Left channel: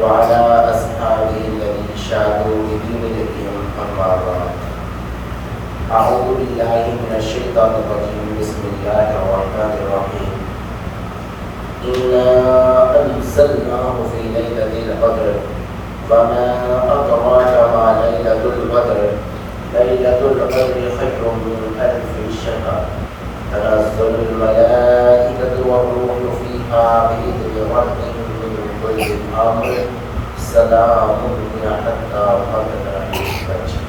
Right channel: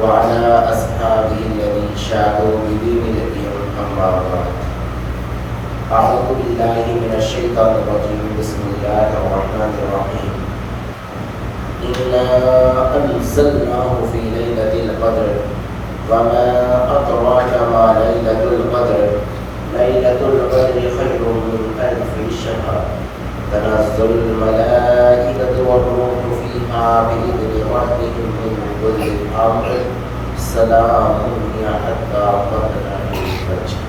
وعلى أصحابه الذين شادوا بدين الدين أما بعد. أعوذ بالله من الشيطان الرجيم. بسم الله الرحمن الرحيم. إنا أنزلناه في ليلة القدر وما أدراك ما ليلة القدر. ليلة القدر خير من ألف شهر. تنزل الملائكة والروح فيها بإذن ربهم من كل أمر. سلام هي حتى مطلع الفجر.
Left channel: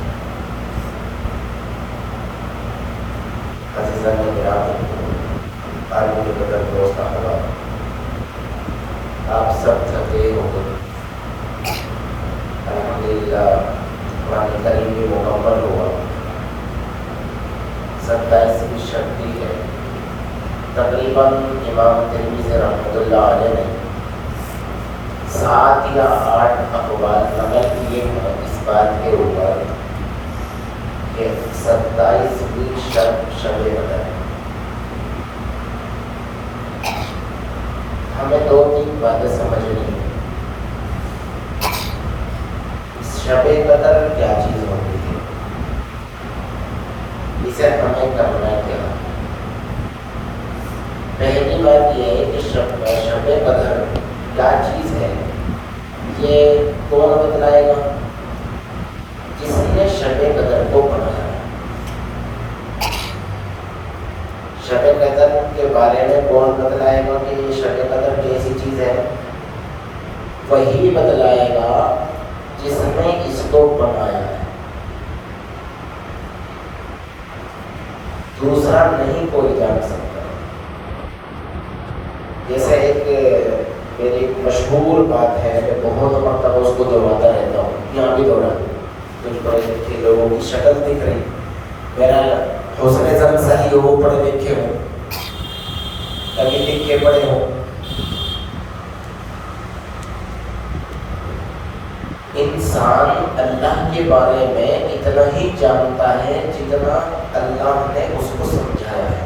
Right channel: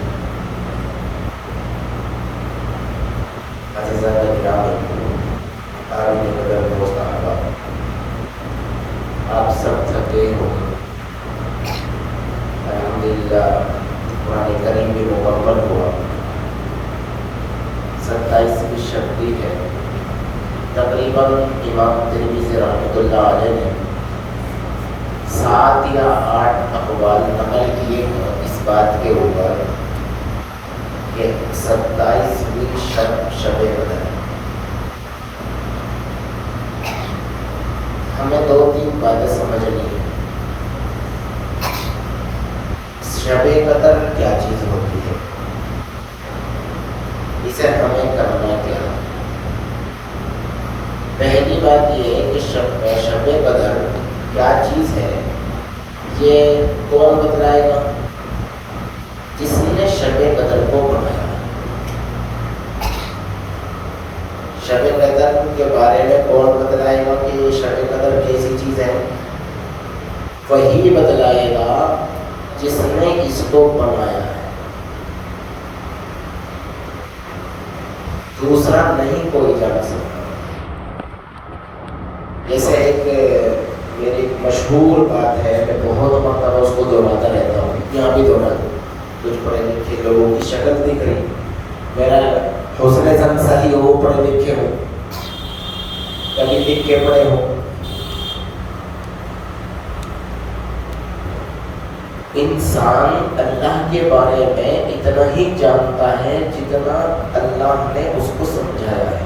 عزیزان کرام، عالم کے قدر دوست احباب، آپ سب تھکے ہوں گے. الحمدللہ قرآن کریم بھی مکمل ہوا. 27ویں شب ہے. تقریباً امام ترمذی رحمۃ اللہ علیہ نے 7 یا 8 اقوال نقل کیے اس بات کے اوپر کہ 27ویں شب شب قدر. ہمیں 2-3 باتیں سمجھنی ہیں. شب قدر کیا چیز ہوتی ہے، اسے ہمیں کرنا کیا ہے. پہلی بات یہ ہے کہ شب قدر کیا چیز ہے، یہ کون بتلائے گا؟ جس نے شب قدر کو بنایا. شب قدر کے بارے میں کون بتلائے گا کہ یہ شب قدر کیسی چیز ہے؟ وہی بتلائے گا جس نے اس کو بنایا ہے. دوسرا نہیں کوئی جان سکتا. جیسے ایک میری مشہور بات ہے، میں بہت مرتبہ اس کو دوہراتا رہتا ہوں، یہاں بھی دوہراتا ہوں. کچھ پڑھے لکھے لوگوں کی شکل دکھ رہی، میرا حسن زن صحیح ہو، پڑھے لکھے ہوں، کبھی لکھے پڑھے ہوں. انسان اللہ کے بارے میں اتنا ہی جانتا ہے جتنا اللہ نے اس کو سمجھایا ہے،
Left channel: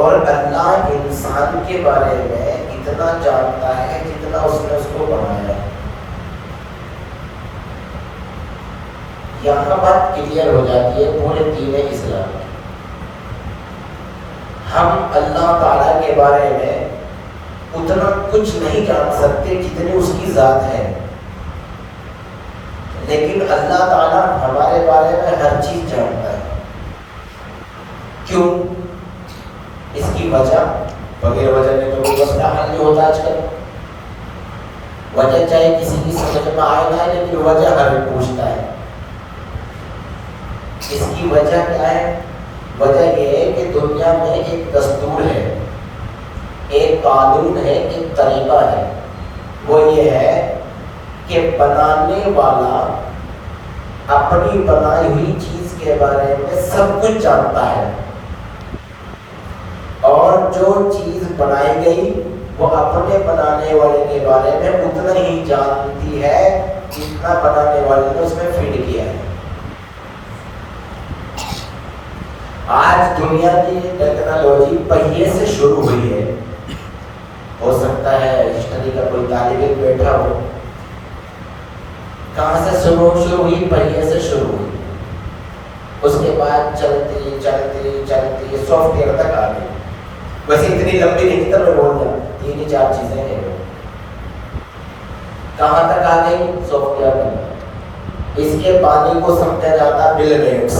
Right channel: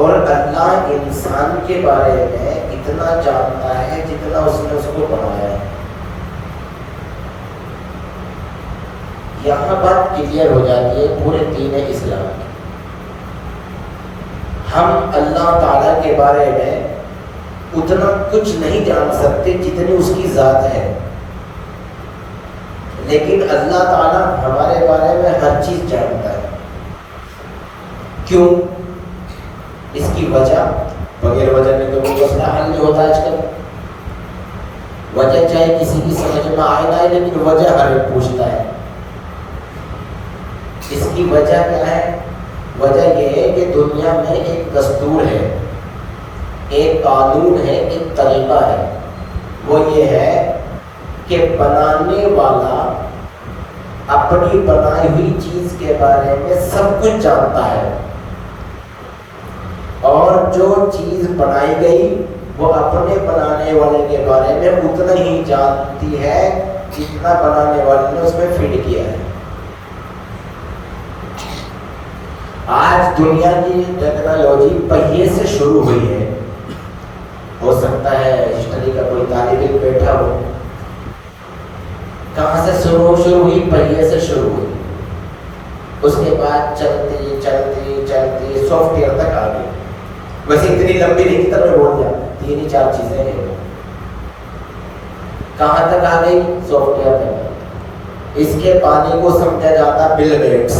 اور اللہ انسان کے بارے میں اتنا جانتا ہے جتنا اس نے اس کو بنایا ہے. یہاں بات کلیئر ہو جاتی ہے پورے دین اسلام کی. ہم اللہ تعالیٰ کے بارے میں اتنا کچھ نہیں جان سکتے جتنی اس کی ذات ہے، لیکن اللہ تعالیٰ ہمارے بارے میں ہر چیز جانتا ہے. کیوں؟ اس کی وجہ بغیر وجہ میں تو کوئی مسئلہ حل نہیں ہوتا آج کل. وجہ چاہے کسی کی سمجھ میں آئے نہ آئے، لیکن وجہ ہمیں پوچھتا ہے. اس کی وجہ کیا ہے؟ وجہ یہ ہے کہ دنیا میں ایک دستور ہے، ایک قانون ہے، ایک طریقہ ہے. وہ یہ ہے کہ بنانے والا اپنی بنائی ہوئی چیز کے بارے میں سب کچھ جانتا ہے، اور جو چیز بنائی گئی وہ اپنے بنانے والے کے بارے میں اتنا ہی جانتی ہے جتنا بنانے والے نے اس میں فٹ کیا ہے. آج دنیا کی ٹیکنالوجی پہیے سے شروع ہوئی ہے. ہو سکتا ہے ہسٹری کا کوئی طالب علم بیٹھا ہو. کہاں سے شروع ہوئی؟ پہیے سے شروع ہوئی. اس کے بعد چلتی چلتی چلتی سافٹ ویئر تک آ گئی. ویسے اتنی لمبی نہیں تھی، میں بول گیا 3-4 چیزیں ہیں. کہاں تک آ گئی؟ سافٹ ویئر تک. اس کے پانی کو سمجھا جاتا بل گیٹس.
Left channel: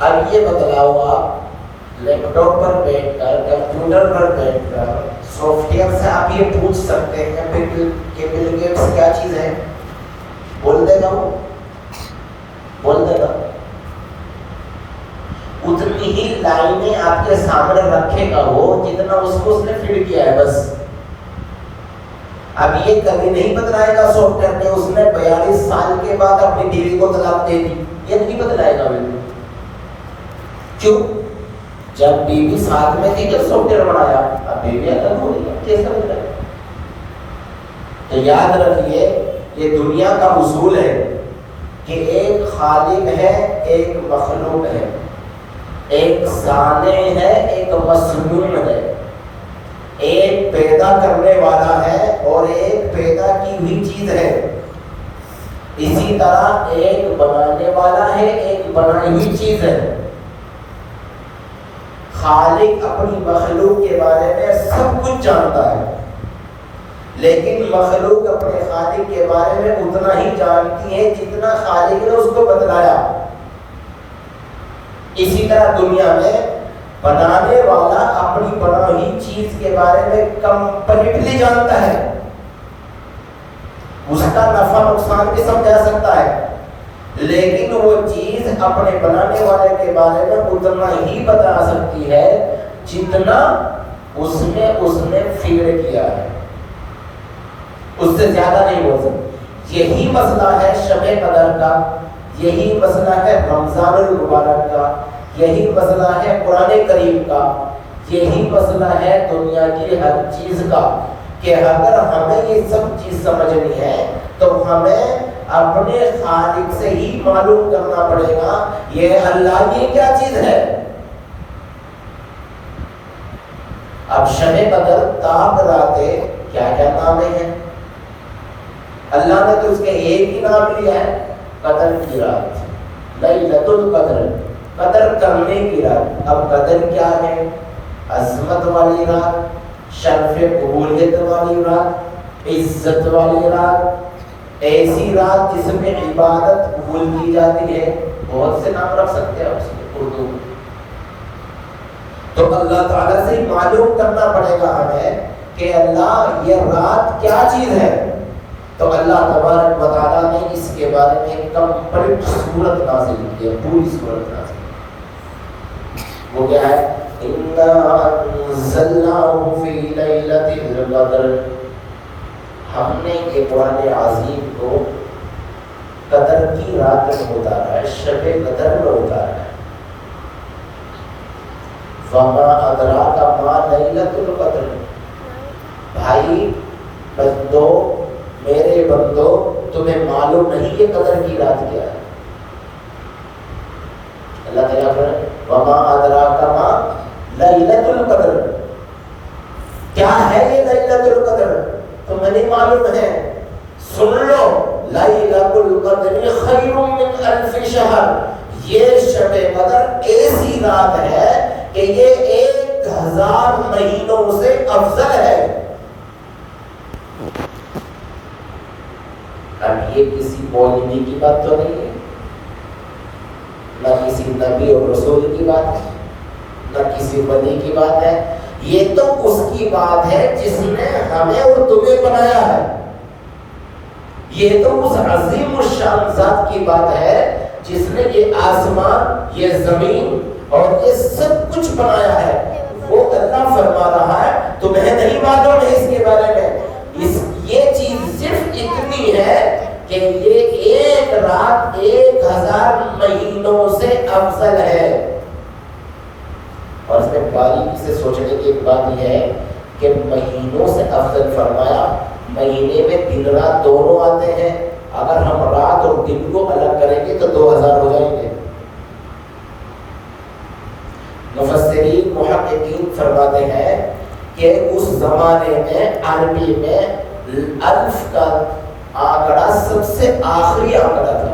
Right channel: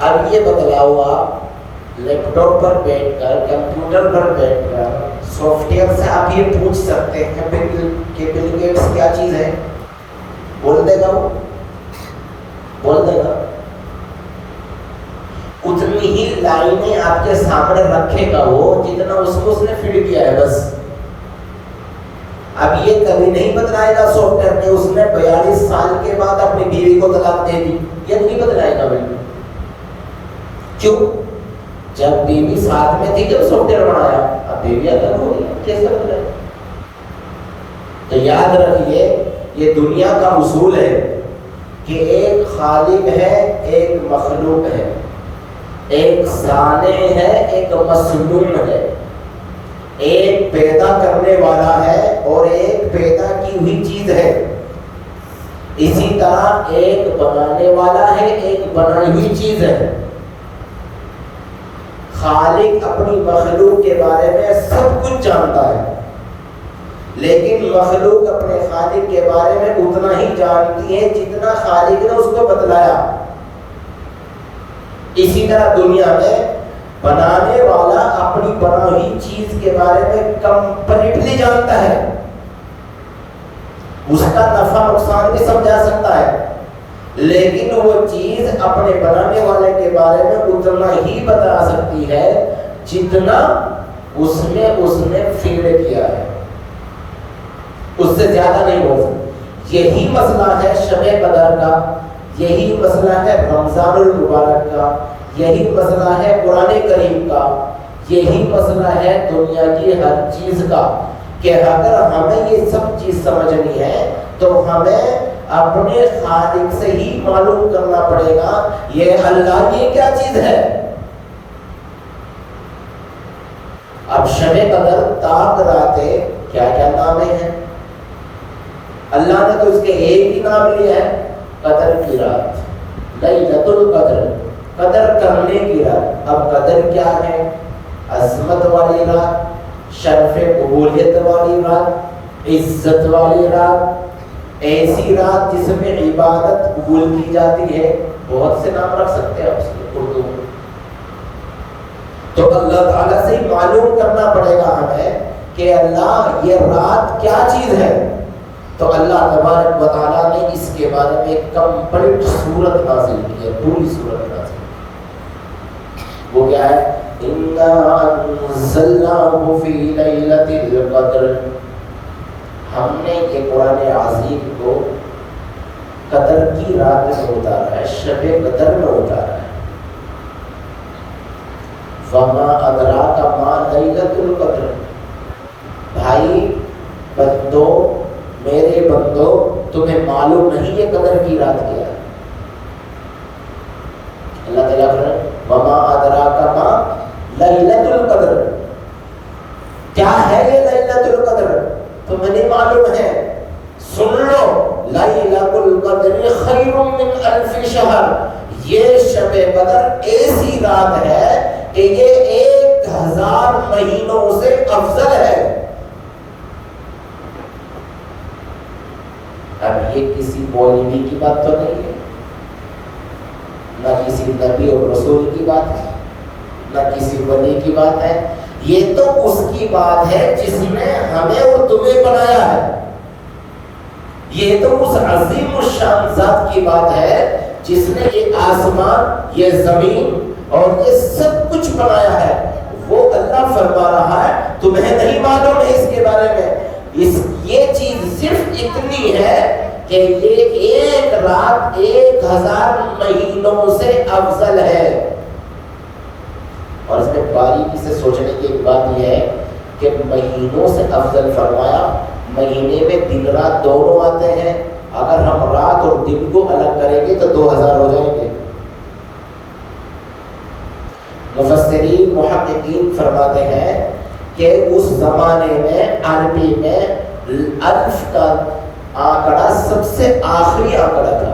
اب یہ بتلاؤ، آپ لیپ ٹاپ پر بیٹھ کر، کمپیوٹر پر بیٹھ کر سافٹ ویئر سے آپ یہ پوچھ سکتے ہیں کہ بل گیٹس کیا چیز ہے؟ بول دے گا وہ، بول دے گا. اتنی ہی لائنیں آپ کے سامنے رکھے گا وہ جتنا اس کو اس نے فٹ کیا ہے بس. اب یہ کبھی نہیں بتلائے گا سافٹ ویئر کہ اس نے 42 سال کے بعد اپنی بیوی کو طلاق دے دی. یہ نہیں بتلائے گا بالکل. کیوں؟ جب بیوی ساتھ میں تھی جب سافٹ ویئر بنایا، اب بیوی الگ ہو گئی، کیسے بتلائے گا؟ تو یاد رکھیے، یہ دنیا کا اصول ہے کہ ایک خالق ہے، ایک مخلوق ہے. ایک صانع ہے، ایک مصنوع ہے، ایک پیدا کرنے والا ہے اور ایک پیدا کی ہوئی چیز ہے۔ اسی طرح ایک بنانے والا ہے، ایک بنائی ہوئی چیز ہے۔ خالق اپنی مخلوق کے بارے میں سب کچھ جانتا ہے، لیکن مخلوق اپنے خالق کے بارے میں اتنا ہی جانتی ہے جتنا خالق نے اس کو بتلایا۔ اسی طرح دنیا میں بنانے والا اپنی بنائی چیز کے بارے میں کمپلیٹلی جانتا ہے، اس کا نفع نقصان بھی سمجھا سکتا ہے، لیکن وہ چیز اپنے بنانے والے کے بارے میں اتنا ہی بتا سکتی ہے جتنا اس نے فکر کیا ہے، اس سے زیادہ نہیں بول سکتی۔ یہی مسئلہ ہے شب قدر کا، یہی مسئلہ ہے رمضان المبارک کا، یہی مسئلہ ہے قرآن کریم کا، یہی مسئلہ ہے دنیا کی ہر چیز کا، کہ اگر ہمیں یہ سب چیز سمجھنی ہے تو ہمیں اپنے خالق سے ہی معلوم کرنا پڑے گا یہ اللہ یہ کیا چیز ہے۔ اب شب قدر تاک راتے کیا کیا نام ہیں؟ اللہ نے تو اس کے ایک ہی نام لیا ہے، قدر کی رات، لیلۃ القدر، قدر کرنے کی رات۔ اب قدر کیا ہے؟ عظمت والی رات، شرف قبولیت والی رات، عزت والی رات، ایسی رات جس میں عبادت قبول کی جاتی ہے۔ بہت سے نام رکھ سکتے ہیں آپ اردو میں۔ تو اللہ تعالیٰ سے ہی معلوم کرنا پڑے گا ہمیں کہ اللہ یہ رات کیا چیز ہے۔ تو اللہ تبارک و تعالیٰ نے اس کے بارے میں ایک کمپلیٹ سورت نازل کی ہے، پوری سورت نازل کی۔ وہ کیا ہے؟ اِنَّا أَنزَلْنَاهُ فِي لَيْلَةِ الْقَدْرِ، ہم نے یہ قرآن عظیم کو قدر کی رات میں اتارا ہے، شب قدر میں اتارا ہے۔ وَمَا أَدْرَاكَ مَا لَيْلَةُ الْقَدْرِ، بھائی بندو، میرے بندو، تمہیں معلوم نہیں یہ قدر کی رات کیا ہے؟ اللہ تعالیٰ فرمائے وَمَا أَدْرَاكَ مَا لَيْلَةُ الْقَدْرِ، کیا ہے یہ لیلۃ القدر؟ تمہیں نہیں معلوم ہے؟ سن لو، لیلۃ القدر خیر من الف شہر، یہ شب قدر ایسی رات ہے کہ یہ 1000 مہینوں سے افضل ہے۔ اب یہ کسی مولوی کی بات تو نہیں ہے، نہ کسی نبی اور رسول کی بات ہے، نہ کسی ولی کی بات ہے، یہ تو اس کی بات ہے جس نے ہمیں اور تمہیں بنایا ہے۔ یہ تو اس عظیم الشان ذات کی بات ہے جس نے یہ آسمان، یہ زمین اور یہ سب کچھ بنایا ہے۔ وہ اللہ فرما رہا ہے تمہیں نہیں معلوم ہے اس کے بارے میں، یہ چیز صرف اتنی ہے کہ یہ ایک رات 1000 مہینوں سے افضل ہے۔ اور اس میں باریکی سے سوچنے کی ایک بات یہ ہے کہ مہینوں سے افضل فرمایا، مہینے میں دن رات دونوں آتے ہیں، اگر ہم رات اور دن کو الگ کریں گے تو 2000 ہو جائیں گے۔ مفسرین محققین فرماتے ہیں کہ اس زمانے میں عربی میں الف کا آنکڑا سب سے آخری آنکڑا تھا۔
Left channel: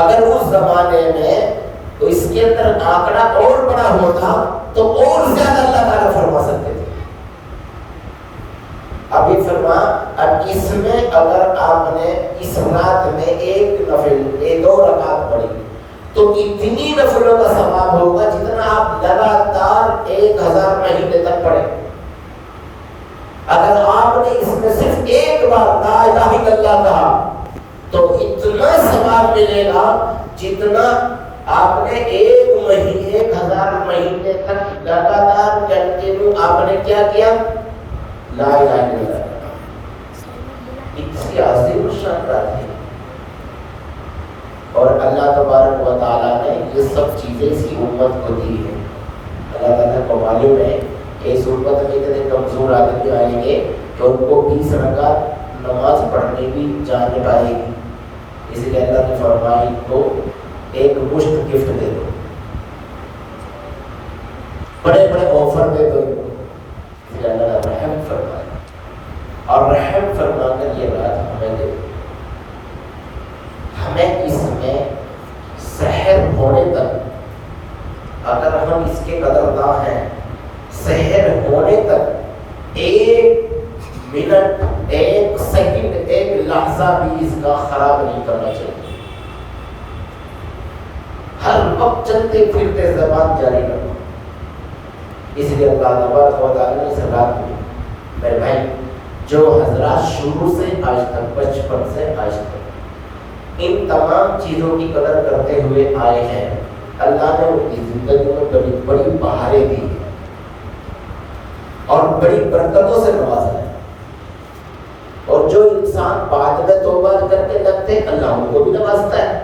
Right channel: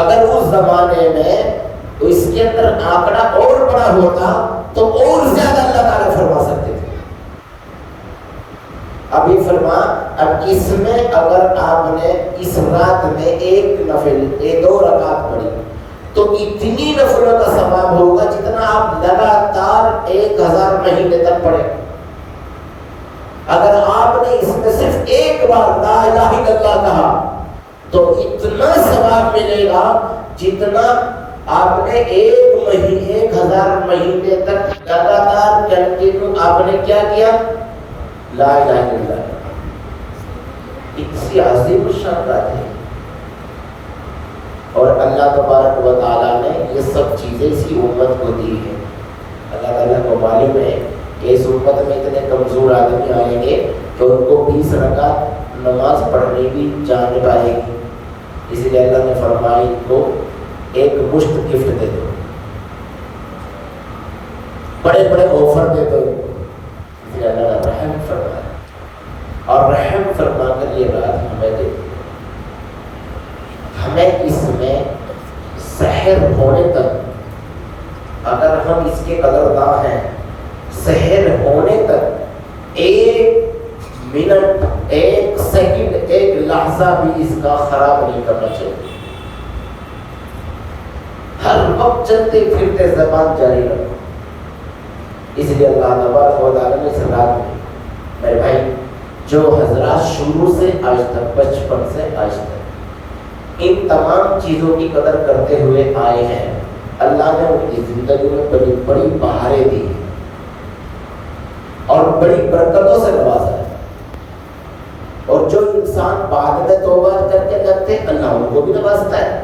اگر اس زمانے میں تو اس کے اندر آنکڑا اور بڑا ہوتا تو اور زیادہ اللہ تعالیٰ فرما سکتے تھے۔ ابھی فرما، اب اس میں اگر آپ نے اس رات میں ایک نفل 2 رکعت پڑھی تو اتنی نفلوں کا ثواب ہوگا جتنا آپ لگاتار 1000 مہینے تک پڑھیں۔ اگر آپ نے اس میں صرف ایک بار لا الہ الا اللہ کہا تو اتنا ثواب ملے گا جتنا آپ نے 1000 مہینے تک لگاتار کنٹینیو آپ نے کیا کیا؟ لا الہ الا اللہ۔ کسی عظیم شان ہے۔ اور اللہ تبارک و تعالیٰ نے یہ سب چیزیں اس کی امت کو دی ہے۔ اللہ تعالیٰ کو معلوم ہے اس امت میں اتنے کمزور آدمی آئیں گے کہ ان کو 20 رکعت نماز پڑھنے بھی جانے پائے گی، اسی لیے اللہ نے فرمایا کو ایک مشت گفٹ دے دو، بڑے بڑے آفر دیتے ہیں، اللہ رحم فرمایا اور رحم فرما کر یہ رات ہمیں دے دی۔ ہمیں اس میں سحر ہونے تک، اگر ہم اس کے قدردان ہیں، سحر ہونے تک ایک منٹ، ایک سیکنڈ، ایک لحظہ بھی اس کا خراب نہیں کرنا چاہیے۔ ہر وقت چلتے پھرتے زبان جاری رکھو۔ اس لیے اللہ تعالیٰ نے اس رات میں میرے بھائی جو حضرات شروع سے آج تک، بچپن سے آج تک ان تمام چیزوں کی قدر کرتے ہوئے آئے ہیں، اللہ نے ان کی زندگی میں بڑی بڑی بہاریں دی اور بڑی برکتوں سے نوازا ہے۔ اور جو انسان بعد میں توبہ کر کے لگتے، اللہ ان کو بھی نوازتا ہے۔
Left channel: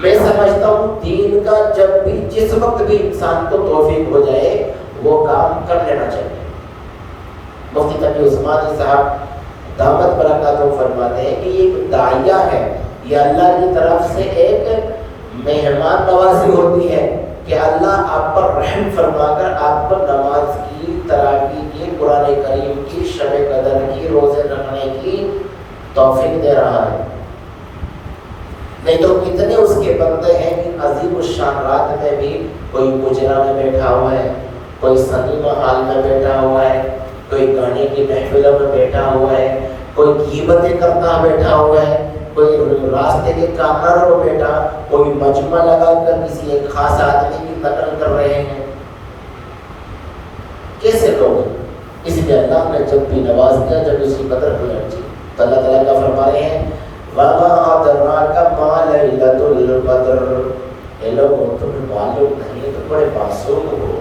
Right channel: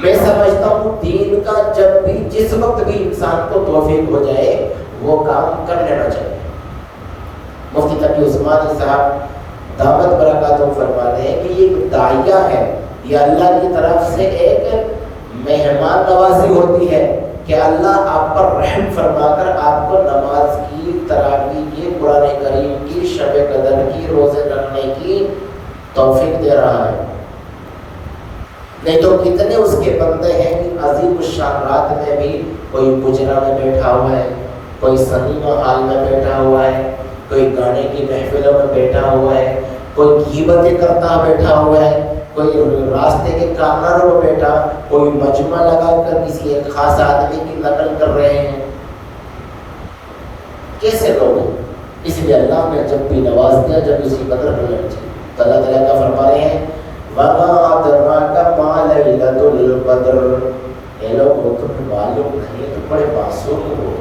میں سمجھتا ہوں دین کا جب بھی جس وقت بھی انسان کو توفیق ہو جائے وہ کام کر لینا چاہیے۔ مفتی تقی عثمانی صاحب دعوت برکاتہ فرماتے ہیں کہ یہ داعیہ ہے، یہ اللہ کی طرف سے ایک مہمان نوازی ہوتی ہے کہ اللہ آپ پر رحم فرما کر آپ کو نماز کی، تراویح کی، قرآن کریم کی، شب قدر کی، روزے رکھنے کی توفیق دے رہا ہے۔ نہیں تو کتنے اس کے بندے ہیں کہ عظیم الشان رات میں بھی کوئی مجرا میں بیٹھا ہوا ہے، کوئی سنیما حال میں بیٹھا ہوا ہے، کوئی گانے کی محفل میں بیٹھا ہوا ہے، کوئی غیبتیں کرتا بیٹھا ہوا ہے، کوئی راستے کے کارنروں میں بیٹھا، کوئی مجمع لگا کر کسی ایک خاص آدمی کی نقل کر رہے ہیں۔ کیسے لوگ؟ اس لیے اللہ نے جب بھی نواز دیا، جب اس کی قدر ہونا چاہیے۔ اللہ تعالیٰ کا فرما رہے ہیں وَمَا أَدْرَاكَ مَا لَيْلَةُ الْقَدْرِ، اے لوگوں تمہیں معلوم نہیں ہے، تو بڑے معصوم ہو،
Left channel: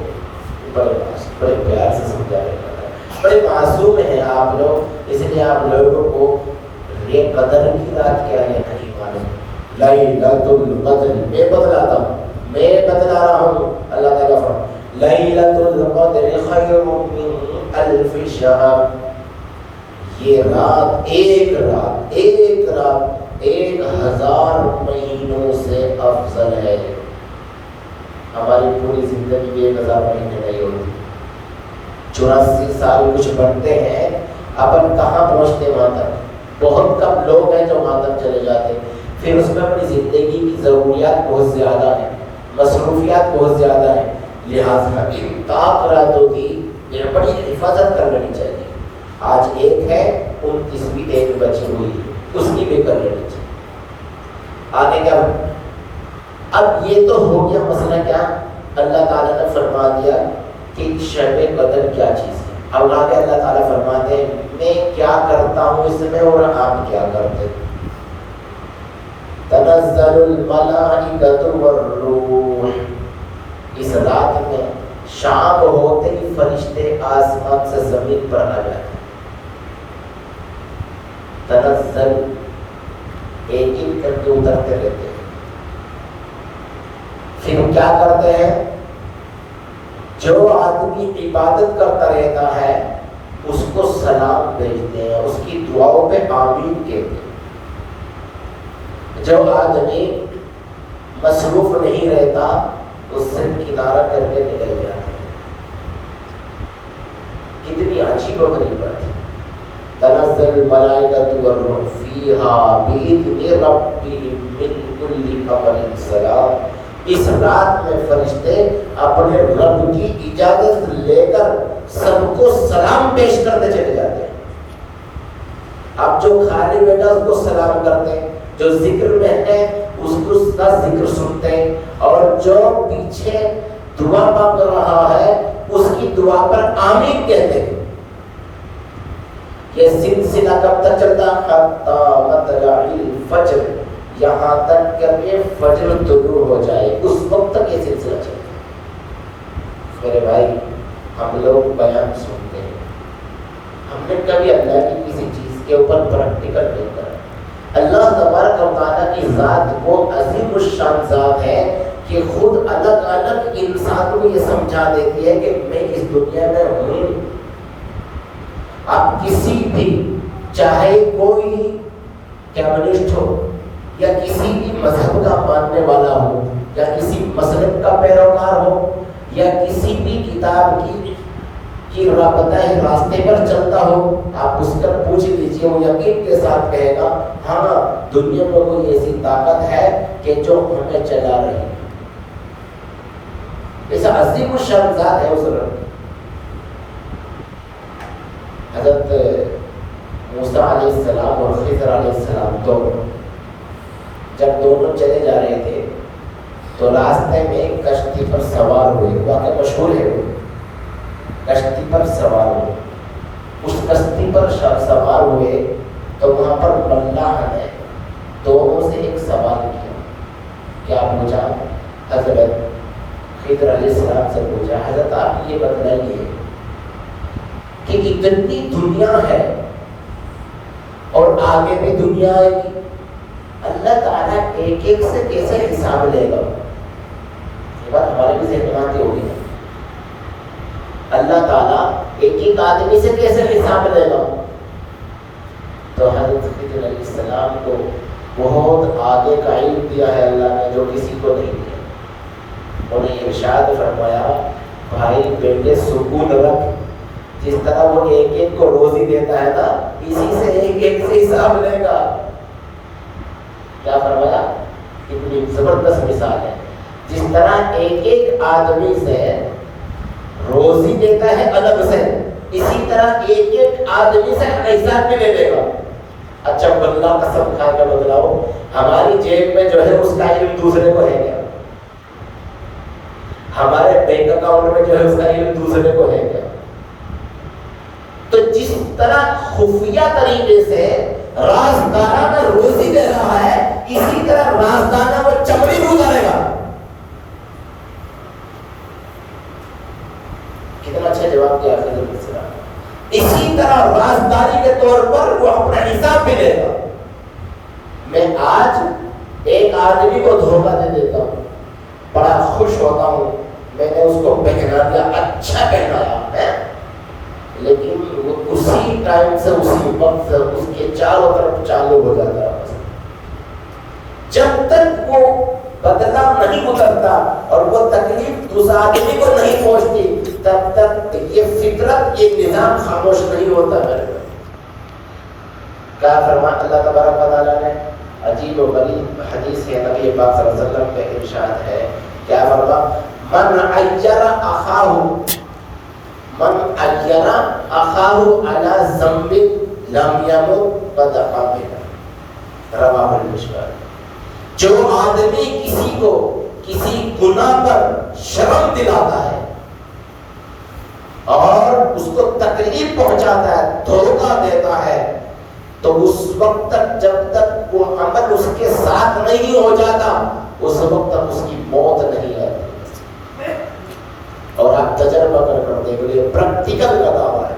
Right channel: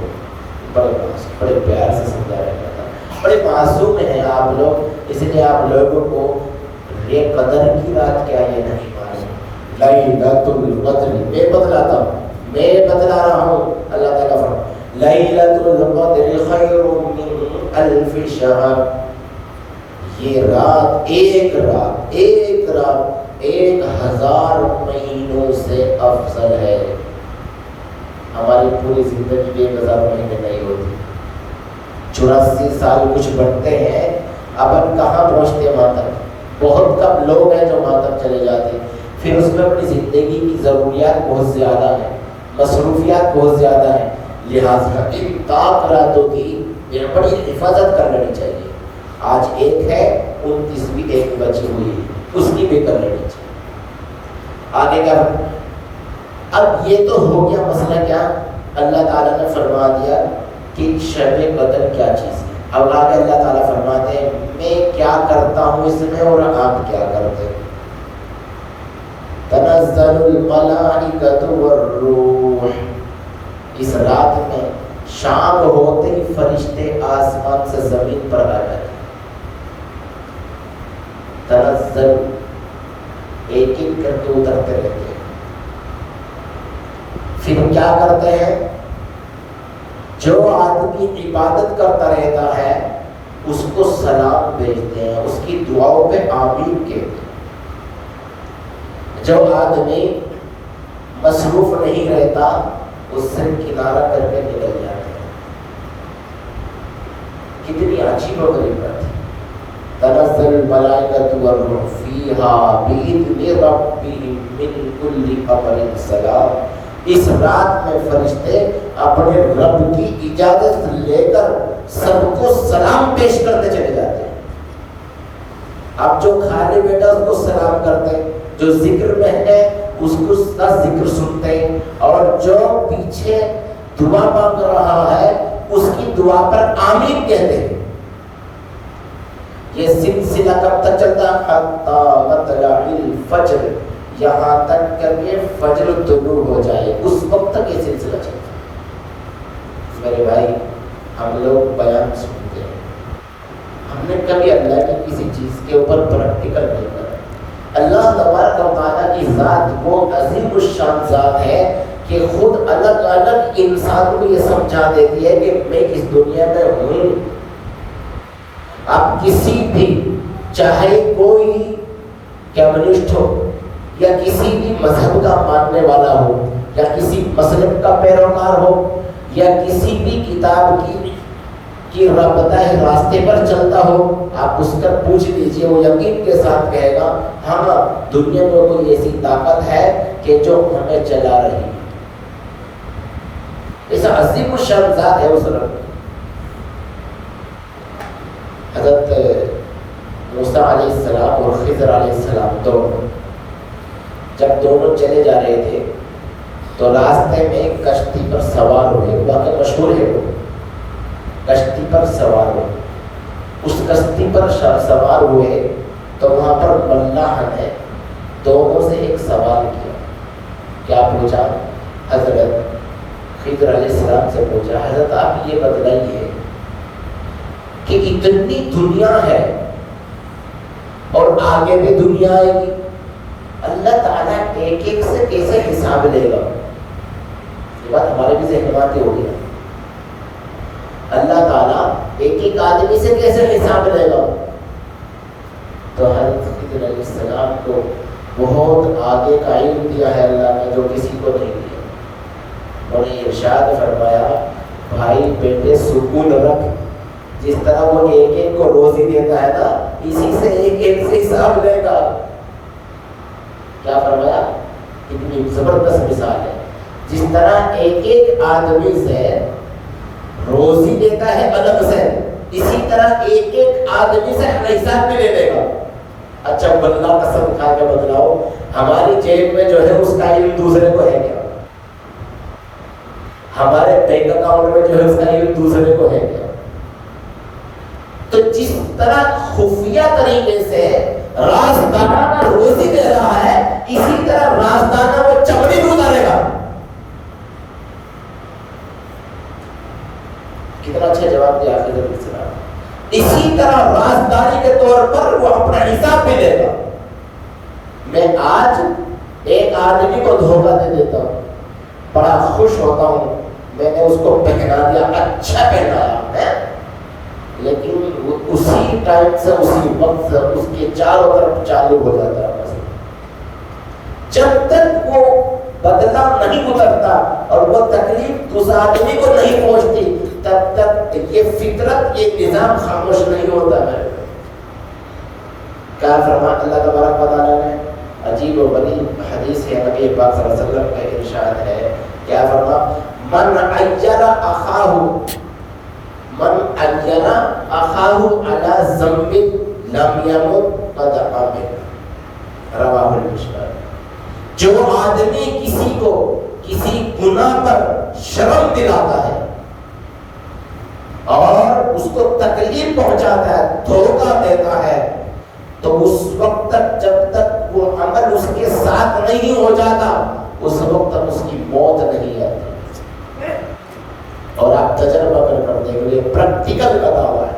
بڑے پیار سے سمجھا رہے ہیں، بڑے معصوم ہیں آپ لوگ، اس لیے آپ لوگوں کو یہ قدر کی رات کیا ہے نہیں معلوم۔ لَيْلَةُ الْقَدْرِ، میں بتلاتا ہوں، میں بتلا رہا ہوں۔ اللہ تعالیٰ فرماتا ہے لَيْلَةُ الْقَدْرِ خَيْرٌ مِّنْ أَلْفِ شَهْرٍ، یہ رات، ایک رات، ایک رات 1000 مہینوں سے افضل ہے۔ ہماری پوری زندگی میں 1000 مہینے نہیں ہوتی، 84 سال کچھ بنتے ہیں، اپن کہاں پہنچتے ماتم؟ بہت کم لوگ ہیں جو ماتم چلے جاتے ہیں، پھر اس میں اپنی زندگی کی ضروریات بہت زیادہ ہیں، مصروفیات بہت زیادہ ہیں، لہٰذا ان پاک راتوں کی بڑی حفاظت کر لینی چاہیے۔ آج ایک ہے، 29ویں ایک بچی ہوئی، اس کی بھی کر لینی چاہیے۔ آگے کا اب یہ تو ہو گیا مسئلہ کیا؟ اللہ تعالیٰ نے فرما دیا کہ شب قدر کیا چیز ہے۔ اب آگے اللہ تعالیٰ فرماتے ہیں میں کیا کرتا ہوں اس میں اور آپ کیا کرتے ہیں۔ تنزل الملائکۃ والروح، اس رات میں شام ہوتے ہی فرشتے آسمان سے زمین پر آ جاتے ہیں۔ تنزل ایک ایک کر کے اترتے رہتے ہیں، پھر کیا کرتے ہیں؟ جو آدمی عبادت کرتا رہتا ہے اس کو سلام بھیجتے ہیں، اس کی دعاؤں پہ آمین کہتے ہیں۔ جو آدمی مصروف نہیں رہتا اس سے کنارہ کر کے نکل جاتا ہے۔ کتنی عجیب و غریب بات ہے۔ تنزل الملائکۃ والروح فیہا بإذن ربہم من کل امر سلام، اس رات میں فرشتے اپنے رب کی اجازت لے کر سب کو سلام پیش کرتے چلے جاتے ہیں۔ اب جو خالی بیٹا اس کو سلام کرتے ہیں، جو ذکر میں ہے اس کو کا ذکر سنتے ہیں، اور جو پیچھے دعا مانگ رہا ہے اس کی دعا پر آمین کہتے ہیں۔ یہ سلسلہ کب تک چلتا؟ حتی مطلع الفجر، یہاں تک کہ فجر طلوع ہو جائے، اس وقت تک یہ سلسلہ چلتا ہے۔ میرے بھائی ہم لوگ بیان سنتے ہیں، ہم نے کبھی اللہ کی کسی چیز کے اوپر پریکٹیکل نہیں کرا۔ اللہ تبارک و تعالیٰ کی ذات وہ عظیم الشان ذات ہے کہ خود الگ الگ انسان کو یہ سمجھا دیتی ہے کہ میں اس دنیا میں ہوں۔ آپ کسی بھی، چاہے کوئی کمیونسٹ ہو یا کسی بھی مذہب کا ماننے والا ہو یا کسی مسلک کا پیروکار ہو یا کسی بھی کتاب کی رابطہ راستے پر چلتا ہو، آپ اس پر پوچھ لیجیے، وہ یقین کے ساتھ کہے گا ہاں دنیا میں کوئی ایسی طاقت ہے کہ جو ہمیں چلا رہی ہے۔ اس عظیم الشان ذات ہے اس رب۔ حضرت موسیٰ علیہ السلام اور خضر علیہ السلام جب دونوں چلے جا رہے تھے تو راستے میں ایک کشتی پر سوار ہوئے، واقعہ مشہور ہے، وہ کشتی پر سوار ہوئے۔ اس کشتی پر سوار ہوئے تو وہاں پر اللہ نے دونوں سے ایک سوال کیا۔ کیا پوچھا؟ حضرت خضر علیہ السلام سے پوچھا، حضرت آپ یہ بتلائیے کہ اتنی دنیا ہے اور آگے بھی دنیا آئے گی، اللہ تعالیٰ ایک ایک سے کیسے حساب لے گا؟ یہ بات ہمارے بھی ذہن میں آتی ہوگی۔ اللہ تعالیٰ ایک ایک آدمی سے کیسے حساب لے گا؟ تو حضرت خضر علیہ السلام کو بہت آگے کا علم دیا ہے اللہ نے، جو کسی کو نہیں دیا، اور یہ ارشاد فرمایا بھائی بیٹے سکون رکھ، جس طرح وہ ایک ایک کو روزی دیتا ہے نا، اسی سے ایک ایک سے حساب لے گا۔ کیا فرمایا؟ اتنی زبردست مثال ہے۔ جس طرح ایک ایک آدمی سے روزی دیتا ہے الگ سے، اسی طرح ایک ایک آدمی سے حساب بھی لے لے گا۔ اچھا اللہ قسم کھا کے بتلاؤ، ہماری جیب میں جو ہے اس کا علم دوسرے کو ہے کیا؟ ہمارے بینک اکاؤنٹ میں جو ہے اس کا علم دوسرے کو ہے کیا؟ تو جس طرح خفیہ طریقے سے رازدانہ روزی دے رہا ہے، اسی طرح رازدانہ وہ چمڑی دودھ آنے گا۔ کتنا اچھا جواب دیا خضر علیہ السلام۔ اسی طرح رازداری کے طور پر وہ اپنا حساب بھی لے گا۔ میں آج ایک آدمی کو دھوکہ دے دیتا ہوں، بڑا خوش ہوتا ہوں، میں نے اس کو پہنا دیا، اچھا پہنایا ہے، لیکن وہ اسی ٹائم سے اسی وقت سے اس کے چاروں طرف چالو ہو جاتا ہے۔ جب تک وہ بدلہ نہیں اترتا اور وہ تکلیف اس آدمی کو نہیں پہنچتی، تب تک یہ فطرت، یہ نظام خاموش نہیں ہوتا ہے۔ کیا فرمایا اللہ تبارک و تعالیٰ نے؟ عجیب و غریب حدیث ہے، نبی پاک صلی اللہ علیہ وسلم کا ارشاد ہے، کیا فرمایا؟ من عیر اخاہ، من عیر اخاہ علی ذنب لم یمت قد قبل، رواہ المشکل۔ جو آدمی کسی کو کسی گناہ پر شرم دلاتا ہے اور اس کو تکلیف پہنچاتا ہے، دھوکہ دیتا ہے، تو اس وقت تک جب تک وہ عمل اس کے ساتھ نہیں ہو جاتا، اس وقت تک اس کی موت نہیں آتی۔ اور آپ تجربہ کر دیکھ لیے، پریکٹیکل بتا ہوا ہے۔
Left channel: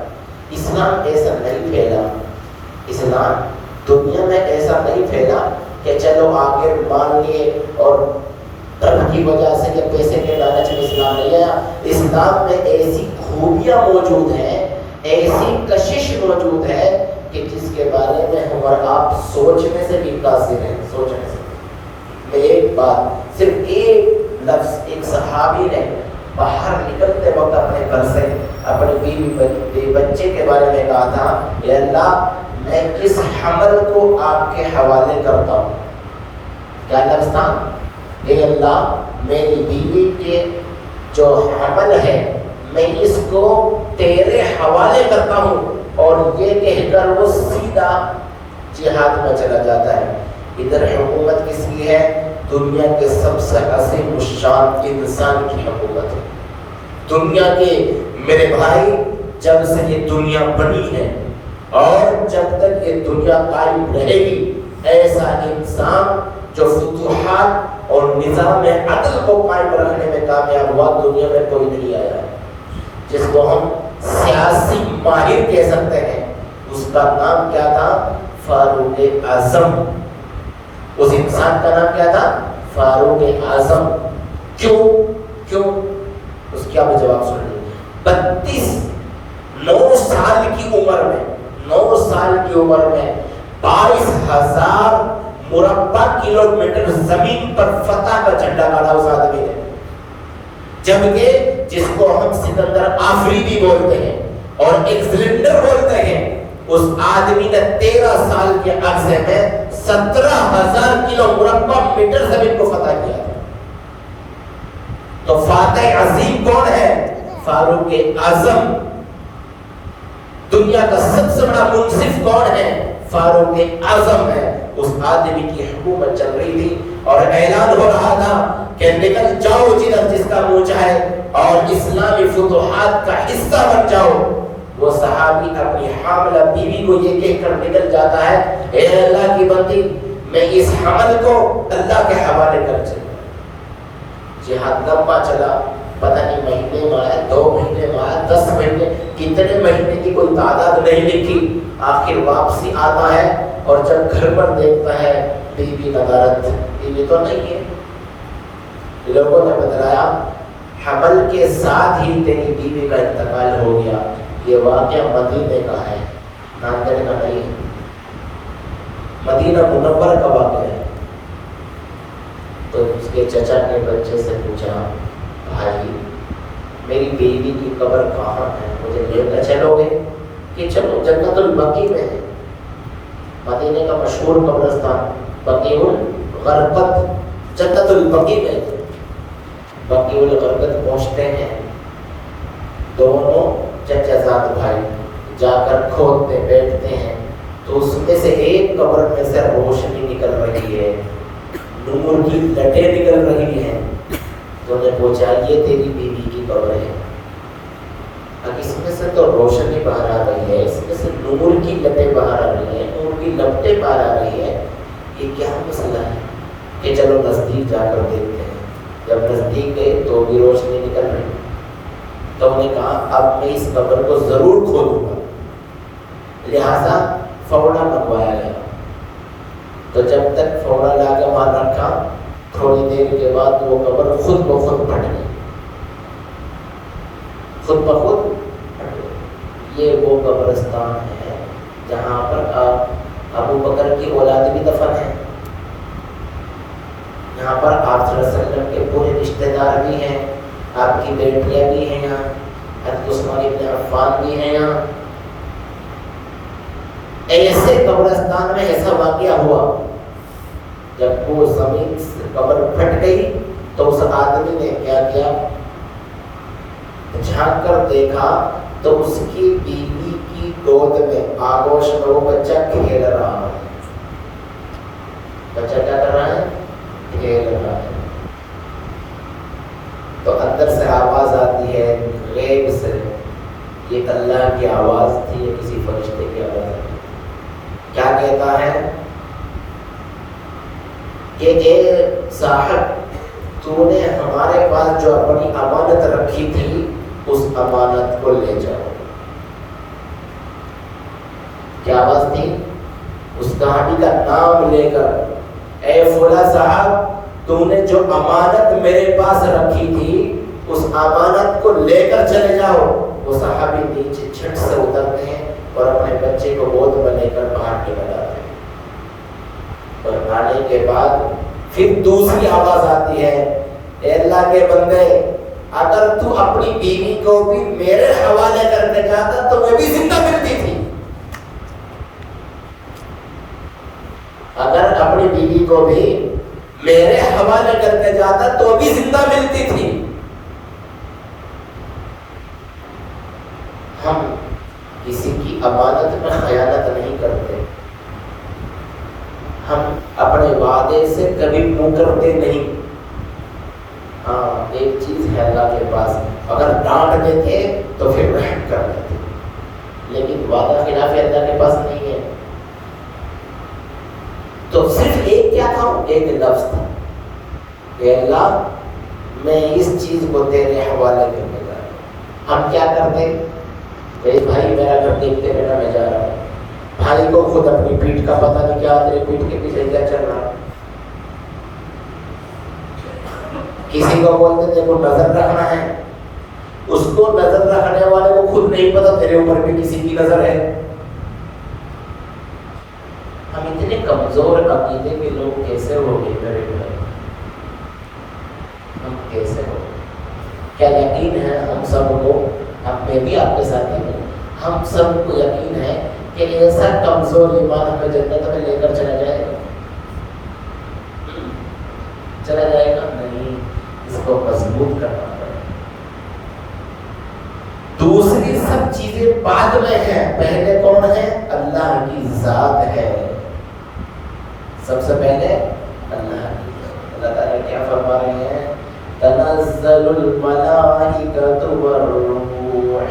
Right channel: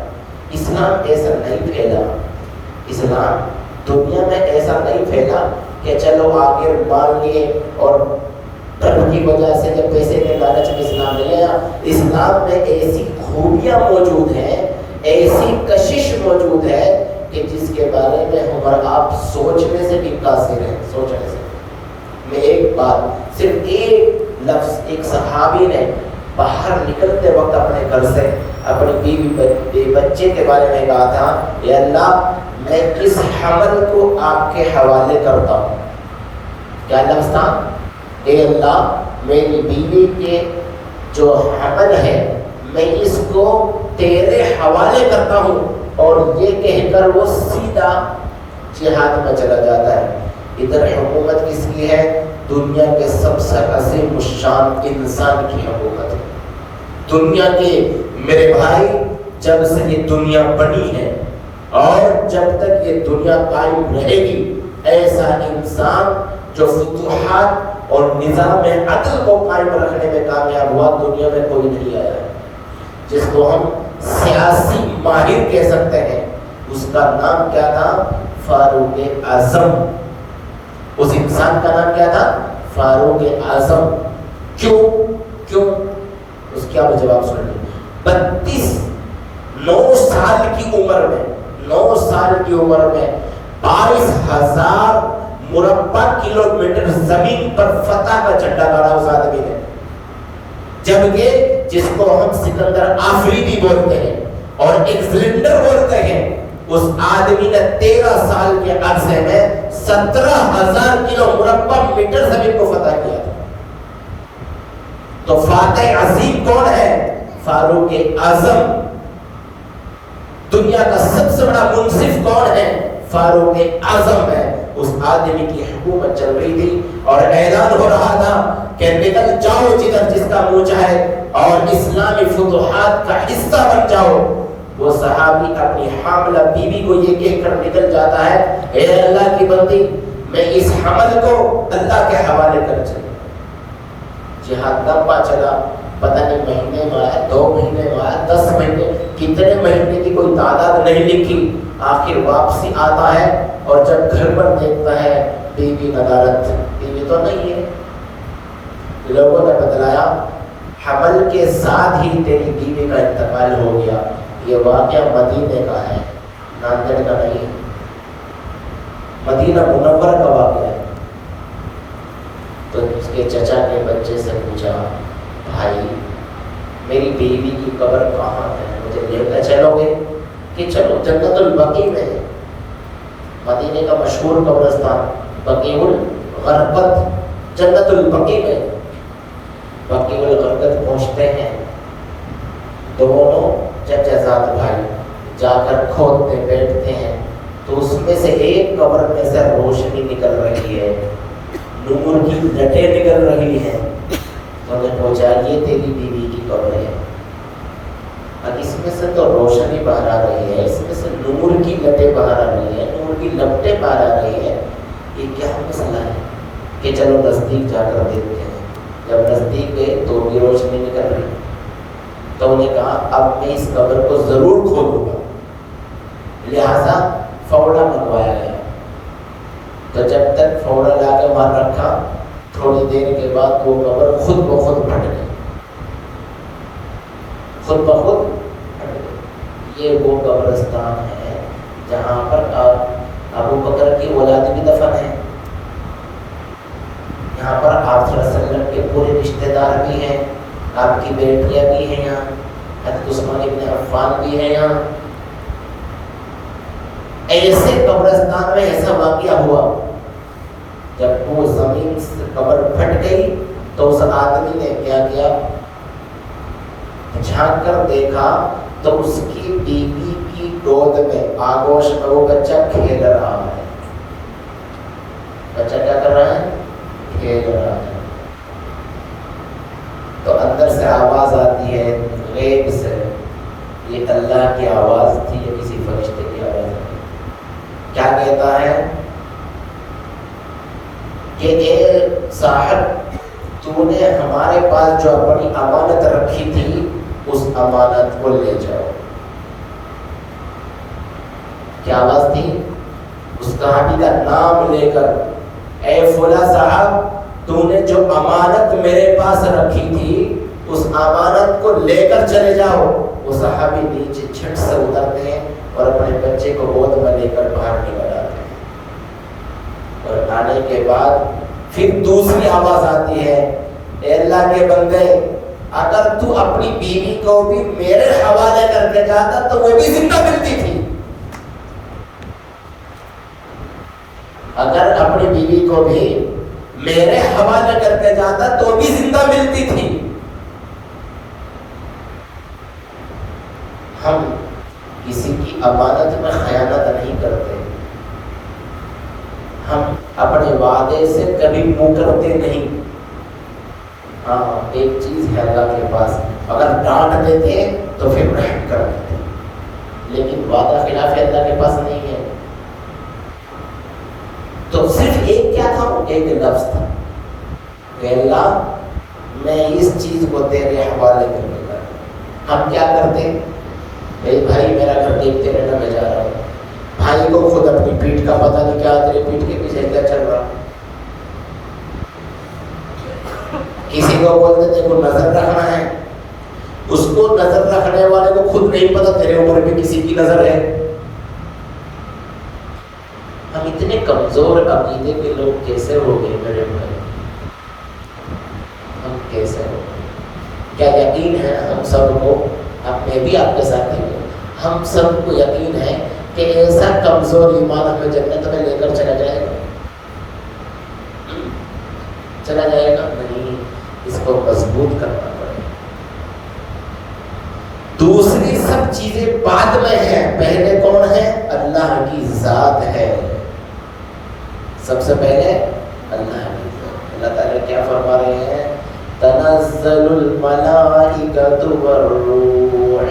اسلام ایسا نہیں پھیلا، اسلام دنیا میں ایسا نہیں پھیلا کہ چلو آگے مان لیے اور ڈر کی وجہ سے کہ پیسے کے لالچ میں اسلام نہیں آیا۔ اسلام میں ایسی خوبیاں موجود ہیں، ایسی کشش موجود ہے کہ جس کے بارے میں ہم اور آپ سوچنے سے بھی قاصر ہیں، سوچنے سے۔ میں ایک بات، صرف ایک لفظ، ایک صحابی نے باہر نکلتے وقت اپنے گھر سے اپنے بیوی بچے کے بارے میں کہا تھا، اے اللہ میں اس حمل کو آپ کے حوالے کرتا ہوں۔ کیا لفظ تھا؟ اے اللہ میری بیوی کے جو حمل ہے میں اس کو تیرے حوالے کرتا ہوں، اور یہ کہہ کر وہ سیدھا جہاد میں چلا جاتا ہے۔ ادھر حکومت کس کی ہے؟ دنیا کے سب سے عظیم الشان انسان کی حکومت ہے۔ دنیا کے میرے بھائی، جب سے یہ دنیا بنی ہے اور جب تک یہ دنیا قائم رہے گی، ایسا انسان جو فتوحات اور نظام عدل کو قائم رکھنے میں کامیاب ہوا، دنیا میں کوئی نہیں آیا۔ جس کو ہم سیاسی ماہر کہہ سکتے ہیں، اس کا نام کیا تھا؟ فاروق اعظم۔ اس انسان کا نام کیا تھا؟ فاروق اعظم۔ کیوں؟ اس کی آپ جواب سن لیجیے۔ 9 سال کی عمر میں 22,000 مربع کلومیٹر زمین پر فتح کا جھنڈا گاڑا اس آدمی نے، جبکہ جس کو ہم سکندر آفریدی بولتے ہیں اور ایک سلنڈر بولتے ہیں، اس آدمی نے 13 سال کے عرصے میں 17,000 کلو مربع میٹر زمین کو فتح کیا تھا۔ تو فاتح عظیم کون ہے؟ فاروق اعظم۔ دنیا کا سب سے بڑا منصف کون ہے؟ فاروق اعظم ہے۔ اس آدمی کی حکومت چل رہی تھی اور اعلان ہو رہا تھا کہ نکل جاؤ جدھر جس کا منہ چاہے اور اسلامی فتوحات کا حصہ بن جاؤ۔ وہ صحابی اپنی حاملہ بیوی کو یہ کہہ کر نکل جاتا ہے، اے اللہ کی بندی، میں اس حمل کو اللہ کے حوالے کر چلوں۔ جہاد لمبا چلا، پتہ نہیں مہینے میں آیا، 2 مہینے میں آیا، 10 مہینے، کتنے مہینے کی کوئی تعداد نہیں لکھی۔ آخر واپسی آتا ہے اور جب گھر پر دیکھتا ہے بیوی ندارت، بیوی تو نہیں ہے۔ لوگوں نے بتلایا حمل کے ساتھ ہی تیری بیوی کا انتقال ہو گیا۔ یہ واقعہ مدینے کا ہے، ناندیڑ کا نہیں ہے، مدینہ منور کا واقعہ ہے۔ تو اس کے چچا کے بچے سے پوچھا، بھائی میری بیوی کی قبر کہاں ہے، مجھے لے کر چلو گے؟ کہ چلو، جنت البقیع میں ہے، مدینے کا مشہور قبرستان بقیع الغرقد، جنت البقیع میں۔ بقیع الغرقد پہنچتے ہیں، دونوں چچا زاد بھائی جا کر کھودتے بیٹھتے ہیں، تو اس میں سے ایک قبر میں سے روشنی نکل رہی ہے، نور کی لٹیں نکل رہی ہیں۔ تو نے پوچھا، یہ تیری بیوی کی قبر ہے؟ اب اس میں سے تو روشنی باہر آ رہی ہے، اس میں سے نور کی لٹیں باہر آ رہی ہیں، نور کی لپٹیں باہر آ رہی ہیں، یہ کیا مسئلہ ہے؟ کہ چلو نزدیک جا کر دیکھتے ہیں۔ جب نزدیک گئے تو بھی روشنی نکل رہی، تو انہوں نے کہا اب میں اس قبر کو ضرور کھولوں گا، لہذا فوڑا منگوایا گیا۔ تو جب تک فوڑا لا کر وہاں رکھا، تھوڑی دیر کے بعد وہ قبر خود بخود پھٹ گئی، خود بخود پھٹ گئی۔ یہ وہ قبرستان ہے جہاں پر ابو بکر کی اولاد بھی دفن ہے، یہاں پر آپ صلی اللہ علیہ وسلم کے پورے رشتہ دار بھی ہیں، آپ کی بیٹیاں بھی ہیں یہاں، حضرت عثمان ابن عفان بھی ہیں یہاں۔ ایسے قبرستان میں ایسا واقعہ ہوا، جب وہ زمین سے قبر پھٹ گئی تو اس آدمی نے کیا کیا، جھانک کر دیکھا تو اس کی بیوی کی گود میں آغوش میں وہ بچہ کھیل رہا ہے۔ بچہ کیا کر رہا ہے؟ کھیل رہا ہے۔ تو اندر سے آواز آتی ہے غیب سے، یہ اللہ کی آواز تھی یا کسی فرشتے کی آواز تھی؟ کیا کہتا ہے کہ اے صاحب، تو نے ہمارے پاس جو اپنی امانت رکھی تھی اس امانت کو لے جاؤ۔ کیا آواز تھی؟ اس صحابی کا نام لے کر، اے فلاں صاحب، تم نے جو امانت میرے پاس رکھی تھی اس امانت کو لے کر چلے جاؤ۔ وہ صحابی نیچے جھٹ سے اترتے ہیں اور اپنے بچے کو گود میں لے کر باہر نکل آتے ہیں، اور آنے کے بعد پھر دوسری آواز آتی ہے، اے اللہ کے بندے، اگر تو اپنی بیوی کو بھی میرے حوالے کر کے جاتا تو وہ بھی زندہ ملتی تھی، اگر اپنی بیوی کو بھی میرے حوالے کر کے جاتا تو بھی زندہ ملتی تھی۔ ہم کسی کی امانت میں خیانت نہیں کرتے، ہم اپنے وعدے سے کبھی مکرتے نہیں۔ ہاں، ایک چیز ہے اللہ کے پاس، اگر ڈانٹ دیتے تو پھر رحم کر دیتے، لیکن وعدہ خلاف اللہ کے پاس نہیں ہے۔ تو صرف ایک کیا تھا؟ ایک لفظ تھا کہ اللہ میں اس چیز کو تیرے حوالے کر دے گا۔ ہم کیا کرتے؟ بھائی میرا گھر دیکھتے رہنا، میں جا رہا ہوں، بھائی کو خود اپنی پیٹھ کا پتہ نہیں، کیا تیرے پیٹھ کے پیچھے کیا چل رہا۔ کسی کو بولتے تھے کو نظر رکھنا ہے، اس کو نظر رکھنے والے کو خود نہیں پتا تیرے اوپر بھی کسی کی نظر ہے۔ ہم اتنے کمزور عقیدے کے لوگ کیسے ہو گئے میرے بھائی؟ ہم کیسے ہو؟ کیا یقین ہے ہم سب کو، میں بھی آپ کے ساتھ ہی ہوں، ہم سب کو یقین ہے کہ ایسا کمزور ایمان ہمیں جنت میں لے کر چلا جائے گا؟ چلا جائے گا نہیں، اس کو مضبوط کرنا پڑے. دوسری سب چیزیں بعد میں ہیں، پہلے کون ہے؟ اللہ کی ذات ہے. سب سے پہلے اللہ کی ذات. اللہ تعالیٰ کیا فرما رہے ہیں؟ تنزل الملائکۃ والروح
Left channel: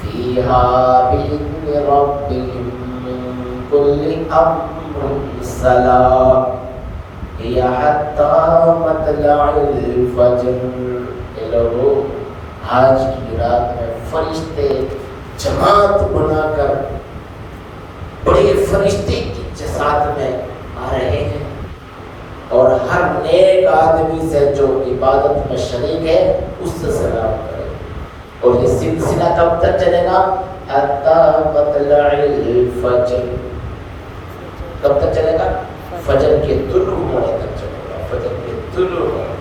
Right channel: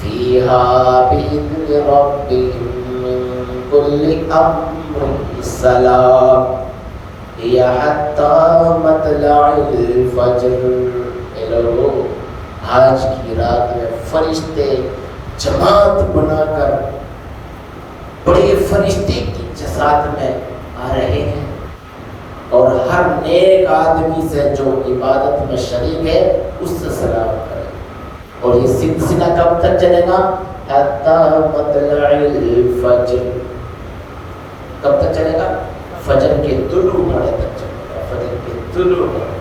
فیہا بإذن ربہم من کل امر سلام ہی حتی مطلع الفجر. آج کی رات میں فرشتے جماعت بنا کر بڑے فرشتے کی جسات میں آ رہے ہیں، اور ہر نیک آدمی سے جو عبادت میں شریک ہے اس سے سلام کرے. اور یہ سلسلہ کب تک چلے گا؟ حتی مطلع الفجر. کب تک چلے گا؟ فجر کے طلوع ہونے تک چلے گا. فجر کے طلوع ہونے.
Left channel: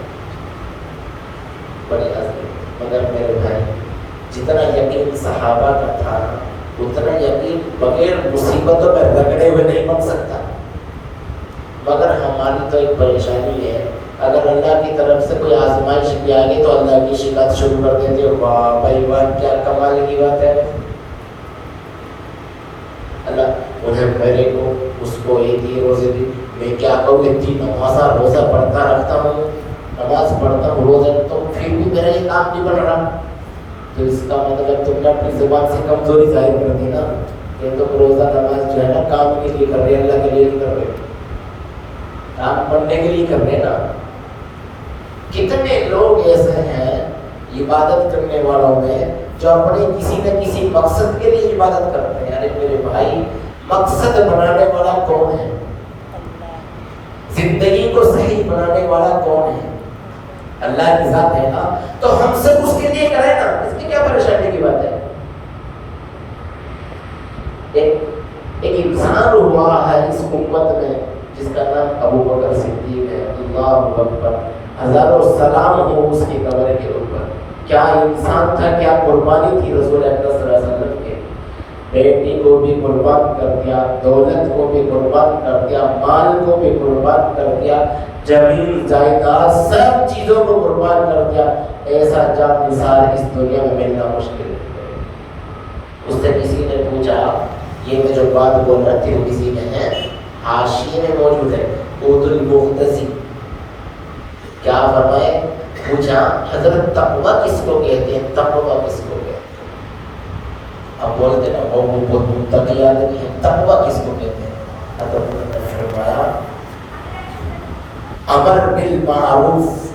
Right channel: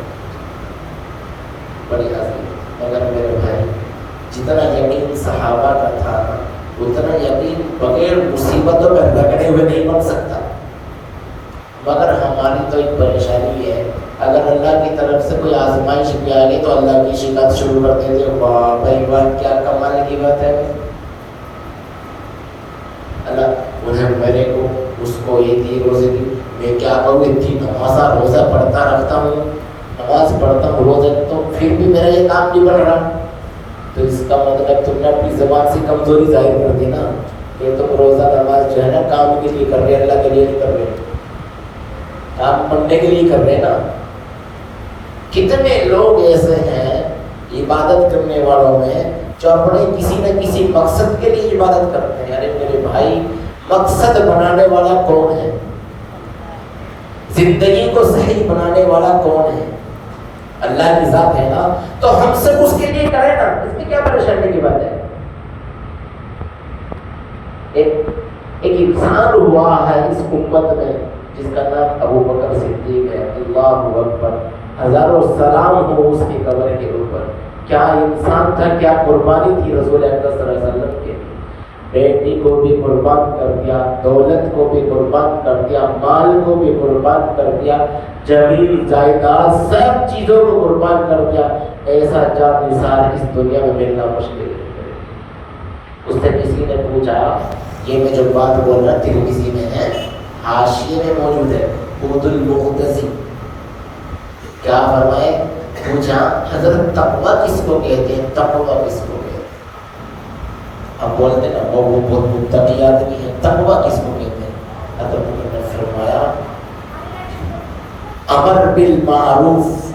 بڑی عظیم. مگر میرے بھائی، جتنا یقین صحابہ کا تھا اتنا یقین بغیر مصیبتوں میں رگڑے ہوئے نہیں بن سکتا. مگر ہماری تو ایک پریشانی ہے، اگر اللہ کی طرف سے کوئی آزمائش بھی آ گئی تو اللہ کی شکایت شروع کر دیتے ہو. واہ بھائی بات کیا کمال کی بات ہے. اللہ انہیں میرے کو اس کو یہ دی روزے دی، میں کیا کروں؟ اتنی نمازہ روزہ پڑھتا رکھتا ہوں، نماز پڑھتا ہوں روزہ، تو پھر بھی میرا یہ کام نہیں بڑھ رہا. تو اس کا مطلب تم نے اپنی زبان سے کمزوری ظاہر کر دی نا. یہ تو روزہ نماز جو ہے نا کام کے لیے کر رہے، اللہ کے لیے نہیں کر رہے، کام بننے کے لیے کر رہے نا. کتنے لوگ ایسے ہیں عبادت کرنے والوں میں جو اپنے کسی نہ کسی مقصد کے لیے عبادت کرتے ہیں. ارے میرے بھائی، مقصد بنانے والا کون ہے؟ زندگی کو صحیح بنانے والا کون ہے؟ اللہ کی ذات ہے نا. تو ہم سب اس کے لیے کریں نا، اس میں کیا پریشانی کی بات ہے؟ ایک انسان ہوا ہے اس امت میں جس کا نام ابو بکر صدیق ہے. اللہ اکبر، ہزاروں سلام ہو اس کی قبر کے اوپر. کیا انسان تھا، کیا قربانی تھی رسول اکرم صلی اللہ علیہ وسلم کی. بیٹی کو بھی قربان کر دیا، دولت کو بھی قربان کر دیا، مال کو بھی قربان کر دیا، زمین جائیداد سب چیزوں کو قربان کر دیا. ایسا جان نثار اس دنیا میں ملنا مشکل ہے. اس سے کسی نے پوچھا، یہ میں جو بات بول رہا تھی وہ کسی میں ہے؟ حاشیے میں موجود ہے. قوت المقتضی کیا فرمائے؟ پوچھا حضرت تقویٰ کس کو کہتے ہیں؟ تقویٰ کس کو کہتے ہیں؟ آپ بولتے ہیں وہ بہت متقی آدمی ہے، تقویٰ کس کو کہتے ہیں؟ حضرت نے فرمایا امر بالمعروف،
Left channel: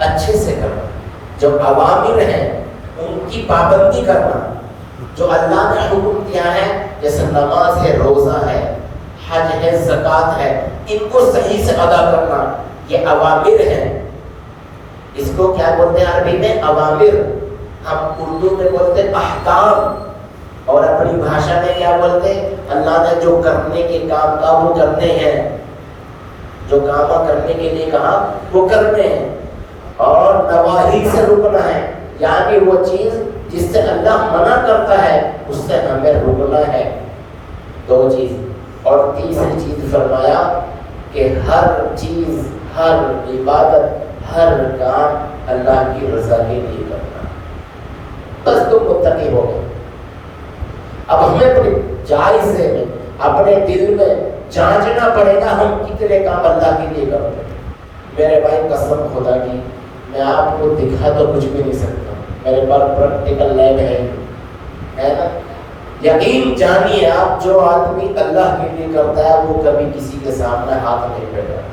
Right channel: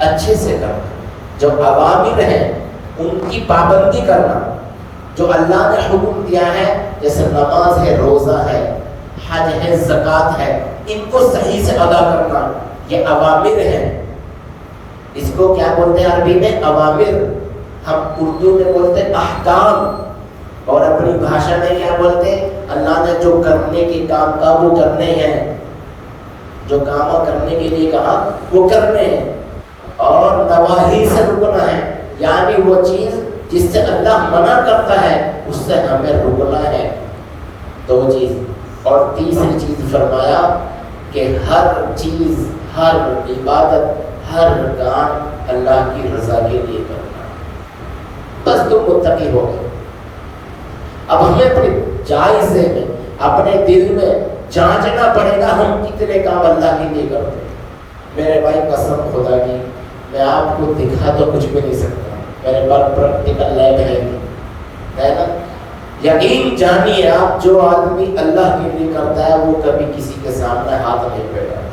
اچھے سے کرنا، جو اوامر ہیں ان کی پابندی کرنا، جو اللہ نے حکم دیا ہے جیسے نماز ہے، روزہ ہے، حج ہے، زکوٰۃ ہے، ان کو صحیح سے ادا کرنا، یہ اوامر ہیں. اس کو کیا بولتے ہیں عربی میں؟ اوامر. ہم اردو میں بولتے ہیں احکام، اور اپنی بھاشا میں کیا بولتے ہیں؟ اللہ نے جو کرنے کے کام کا وہ کرنے ہیں، جو کام کرنے کے لیے کہا وہ کرنے ہیں. اور نواہی سے رکنا ہے، یعنی وہ چیز جس سے اللہ منع کرتا ہے اس سے ہمیں رکنا ہے. دو چیز. اور تیسری چیز فرمایا کہ ہر چیز، ہر عبادت، ہر کام اللہ کی رضا کے لیے کرنا. بس تم متقی ہو گئے. اب ہمیں اپنے جائزے میں، اپنے دل میں جانچنا پڑے گا ہم کتنے کام اللہ کے لیے کرتے ہیں. میرے بھائی قسم خدا کی میں آپ کو دکھا تو کچھ بھی نہیں سکتا، میرے پاس پریکٹیکل لیب ہے نا. یقین جانیے آپ، جو آدمی اللہ کے لیے کرتا ہے وہ کبھی کسی کے سامنے ہاتھ نہیں پھیلاتا.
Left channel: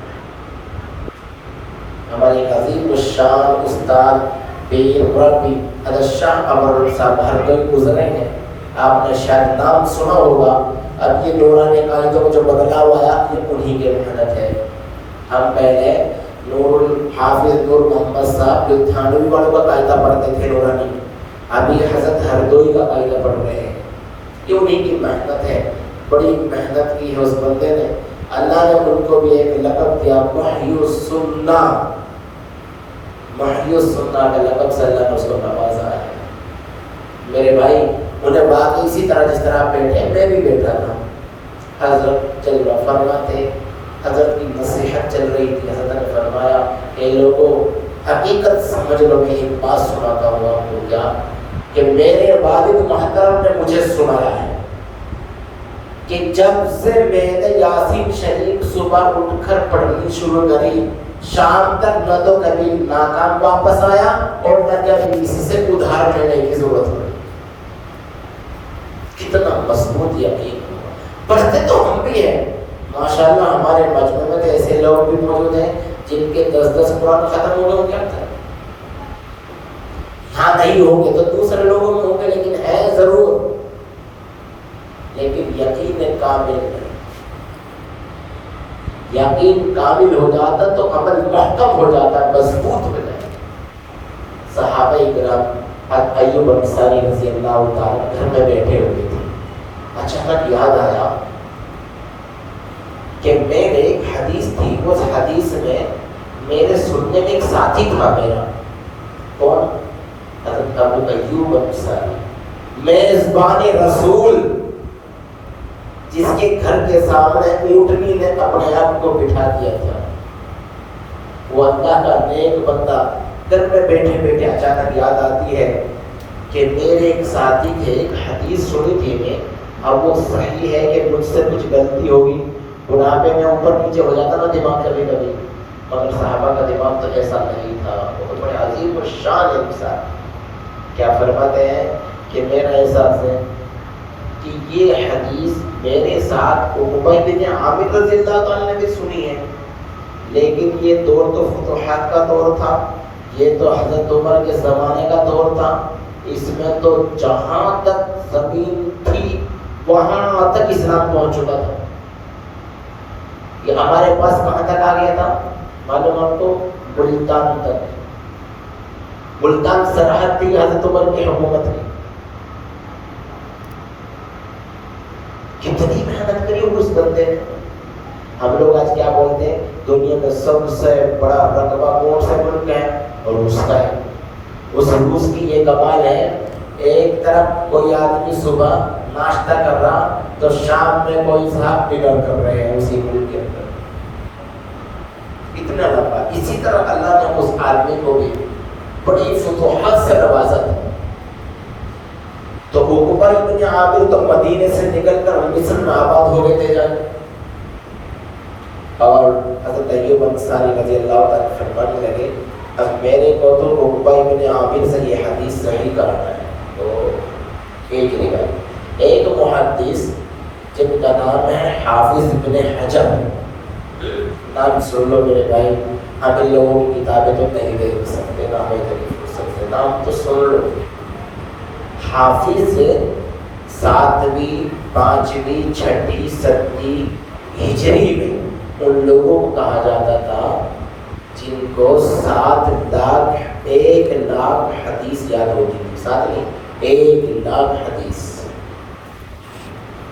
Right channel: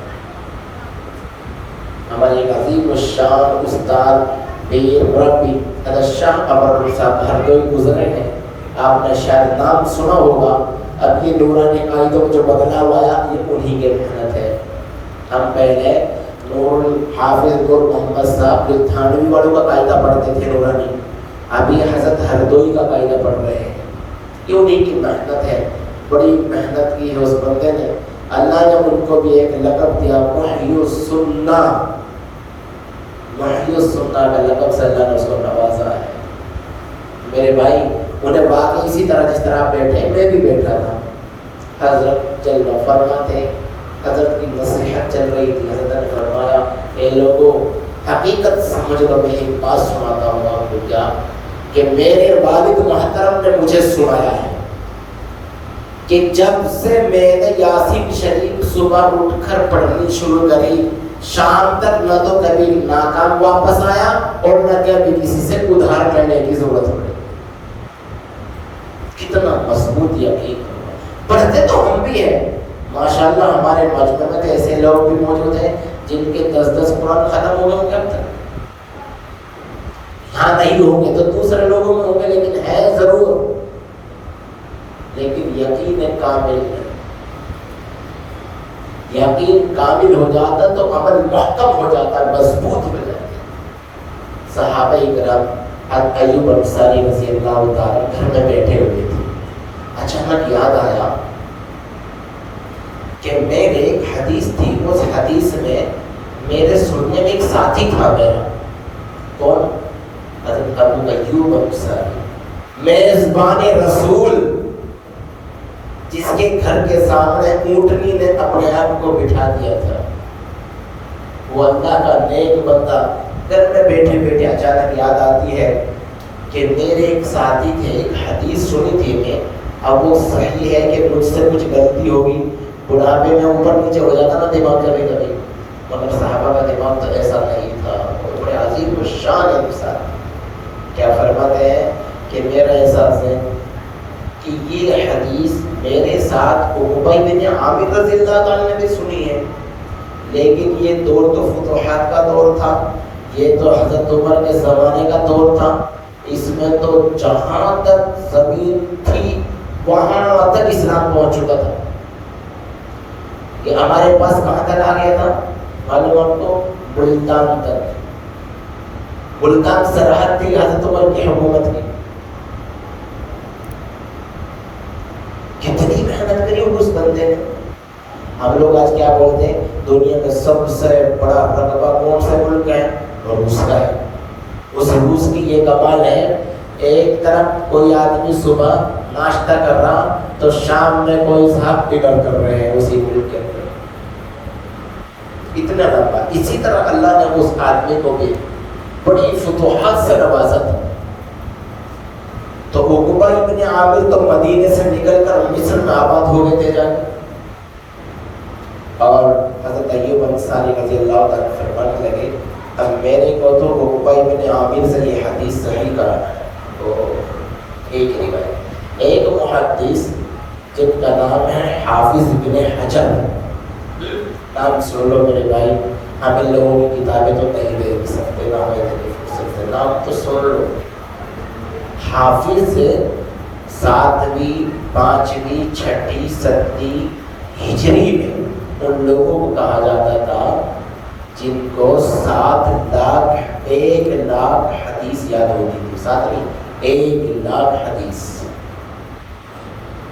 ہمارے عظیم الشان استاد پیر ربی حضرت شاہ امر صاحب ہردوئی گزرے ہیں. آپ نے شاید نام سنا ہوگا. اب یہ نورانی قاعدوں میں جو بدلاؤ آیا یہ انہی کے محنت ہے. ہم پہلے نور حافظ نور محمد صاحب جو تھانوی والوں کا قاعدہ پڑھتے تھے نورانی، اب یہ حضرت ہردوئی کا قاعدہ پڑھ رہے ہیں. یہ انہی کی محنت ہے، بڑی محنت کی ہے اس بندے نے. اللہ نے ان کو بھی ایک لقب دیا، وحی السنہ، محی السنہ کا لقب سے اللہ نے اس کو نوازا ہے۔ میرے بھائی انہیں واقعی اسی طرح جس طرح آپ بیٹھے میں بھی بیٹھا تھا، حضرت جلوہ فرما تھے، حضرت کی نصیحت چل رہی تھی، حضرت نے فرمایا اے لوگوں حقیقت سمجھ لو، میں ایک بات سناتا ہوں آپ کو کیا کہ میرے والد محترم نے مجھے سنایا ہے کہ جب سے میں نے یاسین شریف صبح اٹھ کر پڑھنی شروع کری، شام تک نہ تو کبھی ناکام واپس آیا اور نہ کبھی کسی سے ادھار لینے کی ضرورت ہوئی۔ کتنا مضبوط یقین، پڑھتے تو ہم بھی ہیں ماشاءاللہ، ہمارے بچپن میں تو ایسے لوگ بھی موجود ہیں جن کے 10 قرآن ختم ہو گئے، کیا کریں؟ ہاں نہیں ہوں گے تو دوسرے لوگوں میں ہوں گے، لیکن ہے ضرور، لیکن یقین کامل ہے۔ یقین کامل ہو جاتا تو عمل محکم ہو جاتا ہے، مضبوط ہو جاتا ہے۔ صحابہ کرام حضرت ایوب انصاری رضی اللہ تعالیٰ گھر میں بیٹھے ہوئے تھے، اچانک یاد آیا کہ میرے ایک حدیث تھی، اس حدیث میں میرے سننے میں ایک ساتھی تھا میرا، کون؟ حضرت ابو ایوب انصاری، میزبان رسول، جس کے گھر کے سامنے اونٹنی نے اپنے آپ کو بٹھا دیا تھا، وہ اللہ کا نیک بندہ۔ گھر میں بیٹھے بیٹھے اچانک یاد آتی ہے کہ میرے ایک ساتھی تھے، ایک حدیث سنی تھی میں، اب وہ صحیح ہے کہ مجھ سے کچھ غلطی ہوگی، بڑھاپے میں اوپر نیچے ہو جاتا نا دماغ کبھی کبھی، مگر صحابہ کا دماغ تو ایسا نہیں تھا، وہ بڑے عظیم الشان انسان۔ کیا فرماتے ہیں کہ میرا احساس ہے کہ یہ حدیث میرے ساتھ عقبہ بن عامر رضی اللہ تعالیٰ نے بھی سنی ہے، لیکن یہ دور تو فتوحات کا دور تھا، یہ تو حضرت عمر کے زمانے کا دور تھا، اس میں تو جہاں تک زمین تھی وہاں تک اسلام پہنچ چکا تھا۔ کہ ہمارے پاس کہاں تک آ گیا تھا معلوم آپ کو؟ ملتان تک۔ ملتان سرحد تھی حضرت عمر کی حکومت کی۔ کتنی محنت کری اس بندے نے۔ ہم لوگ آج کیا بولتے ہیں؟ دنیا میں سب سے بڑا رقبہ کون سے ملک ہے؟ اور روس کا ہے۔ اس روس کی یہ کمال ہے، ایک طرف کوئی آدمی صبح ناشتہ کر رہا تو شام میں کوئی صاحب ڈنر کر رہے ہیں اسی ملک کے اندر، اتنا لمبا۔ اسی طرح اللہ نے اس آدمی کو بھی بڑی فتوحات سے نوازا تھا۔ تو عقبہ بن عامر تو مدینے سے نکل کر مصر میں آباد ہو گئے تھے جا کے، اور حضرت ایوب انصاری رضی اللہ تعالیٰ فرمانے لگے اب میرے کو تو عقبہ بن عامر سے یہ حدیث صحیح کرانا ہے۔ تو ایک روایت، ایک محدث جن کا نام ہے حافظ بن حجر، نام سن لو میرے بھائی، ہم ان لوگوں کی کتابیں تو نہیں دیکھ سکتے، نام تو سن لو۔ حافظ 7ویں 5ویں 6ٹھی 7ویں ہجری میں ان لوگوں کو کہا جاتا تھا جن کو 1 لاکھ حدیث یاد ہوتی تھی، 1 لاکھ حدیث۔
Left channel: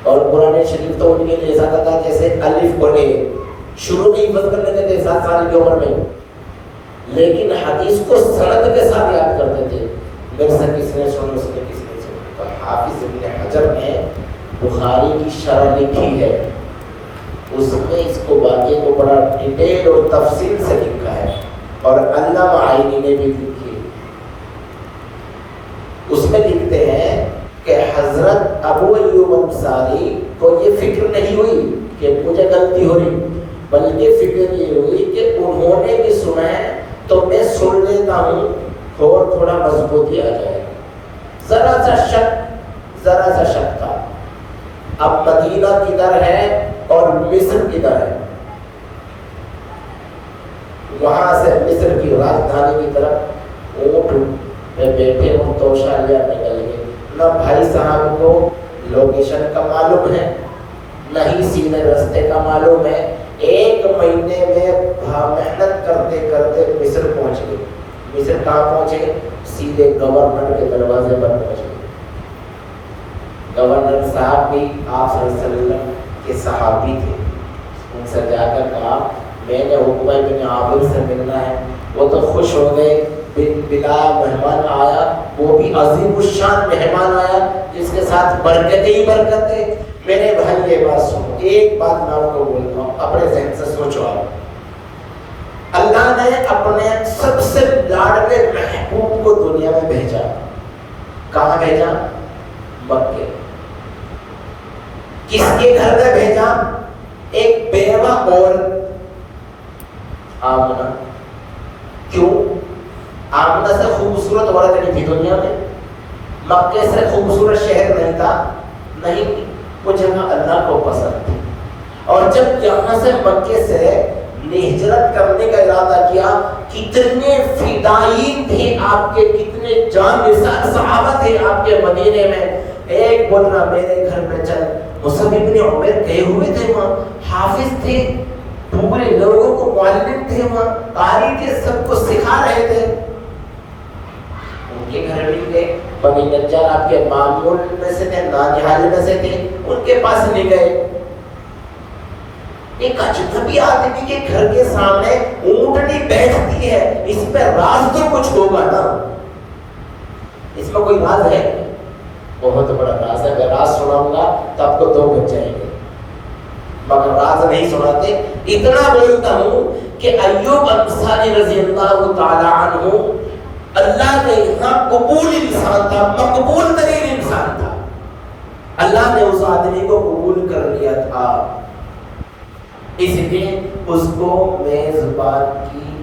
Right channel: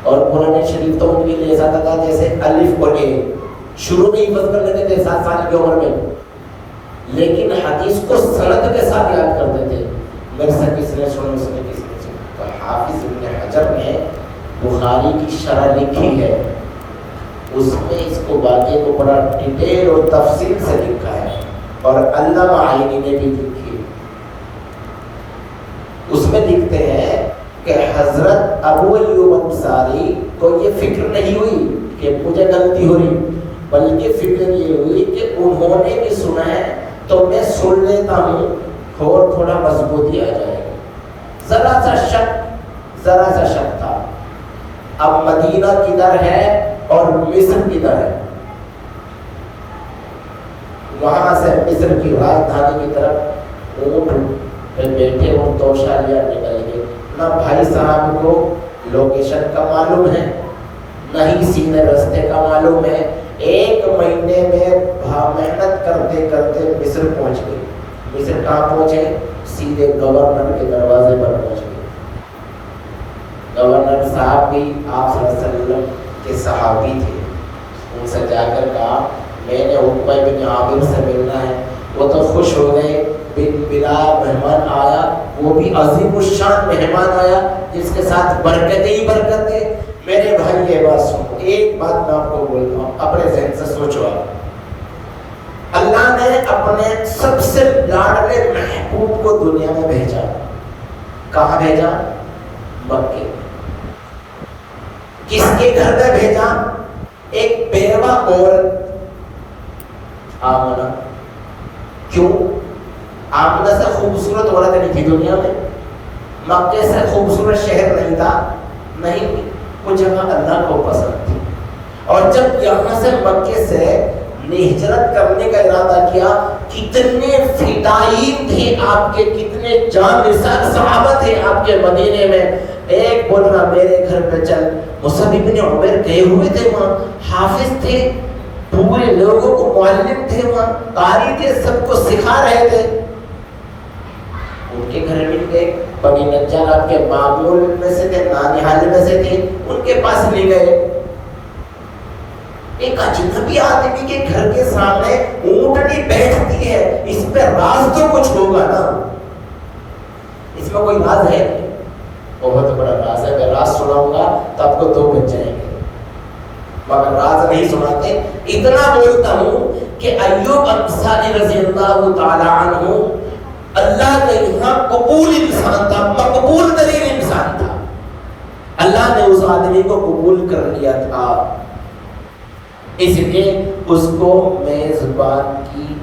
اور قرآن شریف تو ان کے لیے ایسا تھا جیسے الف کو اے، شروع میں حفظ کر لیتے تھے 7 سال کی عمر میں، لیکن حدیث کو سند کے ساتھ یاد کرتے تھے۔ میرے سے کس نے سنی، کس نے سنی؟ حافظ ابن حجر نے بخاری کی شرح لکھی ہے، اس میں اس کو واقعے کو بڑا ڈیٹیل اور تفصیل سے لکھا ہے، اور علامہ عینی نے بھی لکھی ہے۔ اس میں لکھتے ہیں کہ حضرت ابو ایوب انصاری کو یہ فکر نہیں ہوئی کہ مجھے غلطی ہوئی، بلکہ فکر یہ ہوئی کہ انہوں نے بھی سنا ہے تو میں سن لیتا ہوں اور تھوڑا مضبوطی آ جائے گی۔ ذرا سا شک تھا۔ اب مدینہ کدھر ہے اور مصر کدھر ہے؟ وہاں سے مصر کی راجدھانی کی طرف اونٹ پہ بیٹھے اور توشہ لے نکل گئے۔ نہ بھائی صاحب کو لوکیشن کا معلوم ہے، نہ ہی سیدھے رستے کا معلوم ہے۔ 1 مہینے میں محنت کرتے کرتے مصر پہنچ گئے۔ مصر کہاں پہنچے؟ سیدھے گورنر کے دروازے پر پہنچ گئے۔ گورنر صاحب بھی آپ صلی اللہ علیہ وسلم کے صحابی تھے، ان سے جا کر کہا میں نے عقبہ بن عامر سے ملنا ہے۔ وہ تو خوش ہو گئے بلا مہمان آیا، وہ بھی عظیم الشان مہمان آیا جس کے ساتھ برکتیں ہی برکتیں۔ میرے بھائی یہ بات سنو، ایک بات میں آپ کو بولتا ہوں، اپنے ذہن سے سوچو۔ اللہ نے اپنے سب سے لاڈلے محبوب کو دنیا میں بھیجا، کہاں بھیجا؟ مکے۔ کس کے گھر میں بھیجا؟ ایک بیوہ عورت آمنہ۔ کیوں؟ آمنہ سے خوبصورت عورت نہیں تھی دنیا میں، مکے سے خوبصورت شہر نہیں تھا، نہیں، وہ جگہ اللہ کو پسند تھی۔ اور جب یہاں سے مکے سے ہجرت کرنے کا ارادہ کیا، کتنے فدائین تھے آپ کے، کتنے جان نثار صحابہ تھے آپ کے مدینے میں۔ ایک بول رہا میرے گھر میں چل، مصعب ابن عمیر گئے ہوئے تھے، وہاں حافظ تھے، پورے لوگوں کو معلم تھے، وہاں قاری تھے، سب کو سکھا رہے تھے، ان کے گھر میں گئے۔ کبھی نجار آپ کے معمول میں سے تھے، نانیہال میں سے تھے، ان کے پاس نہیں گئے۔ ایک اجنبی آدمی کے گھر کے سامنے اونٹنی بیٹھتی ہے، اس پہ راز تو کچھ ہوگا نا، اس میں کوئی راز ہے؟ بہت بڑا راز ہے، اگر راز سناؤں گا تو آپ کو 2 بج جائیں گے، مگر راز نہیں سناتے۔ اتنا بولتا ہوں کہ ایوب انصاری رضی اللہ تعالی عنہ اللہ کے یہاں قبول انسان تھا، مقبول ترین انسان تھا، اللہ نے اس آدمی کو قبول کر لیا تھا، اس لیے اس کو میزبان کی،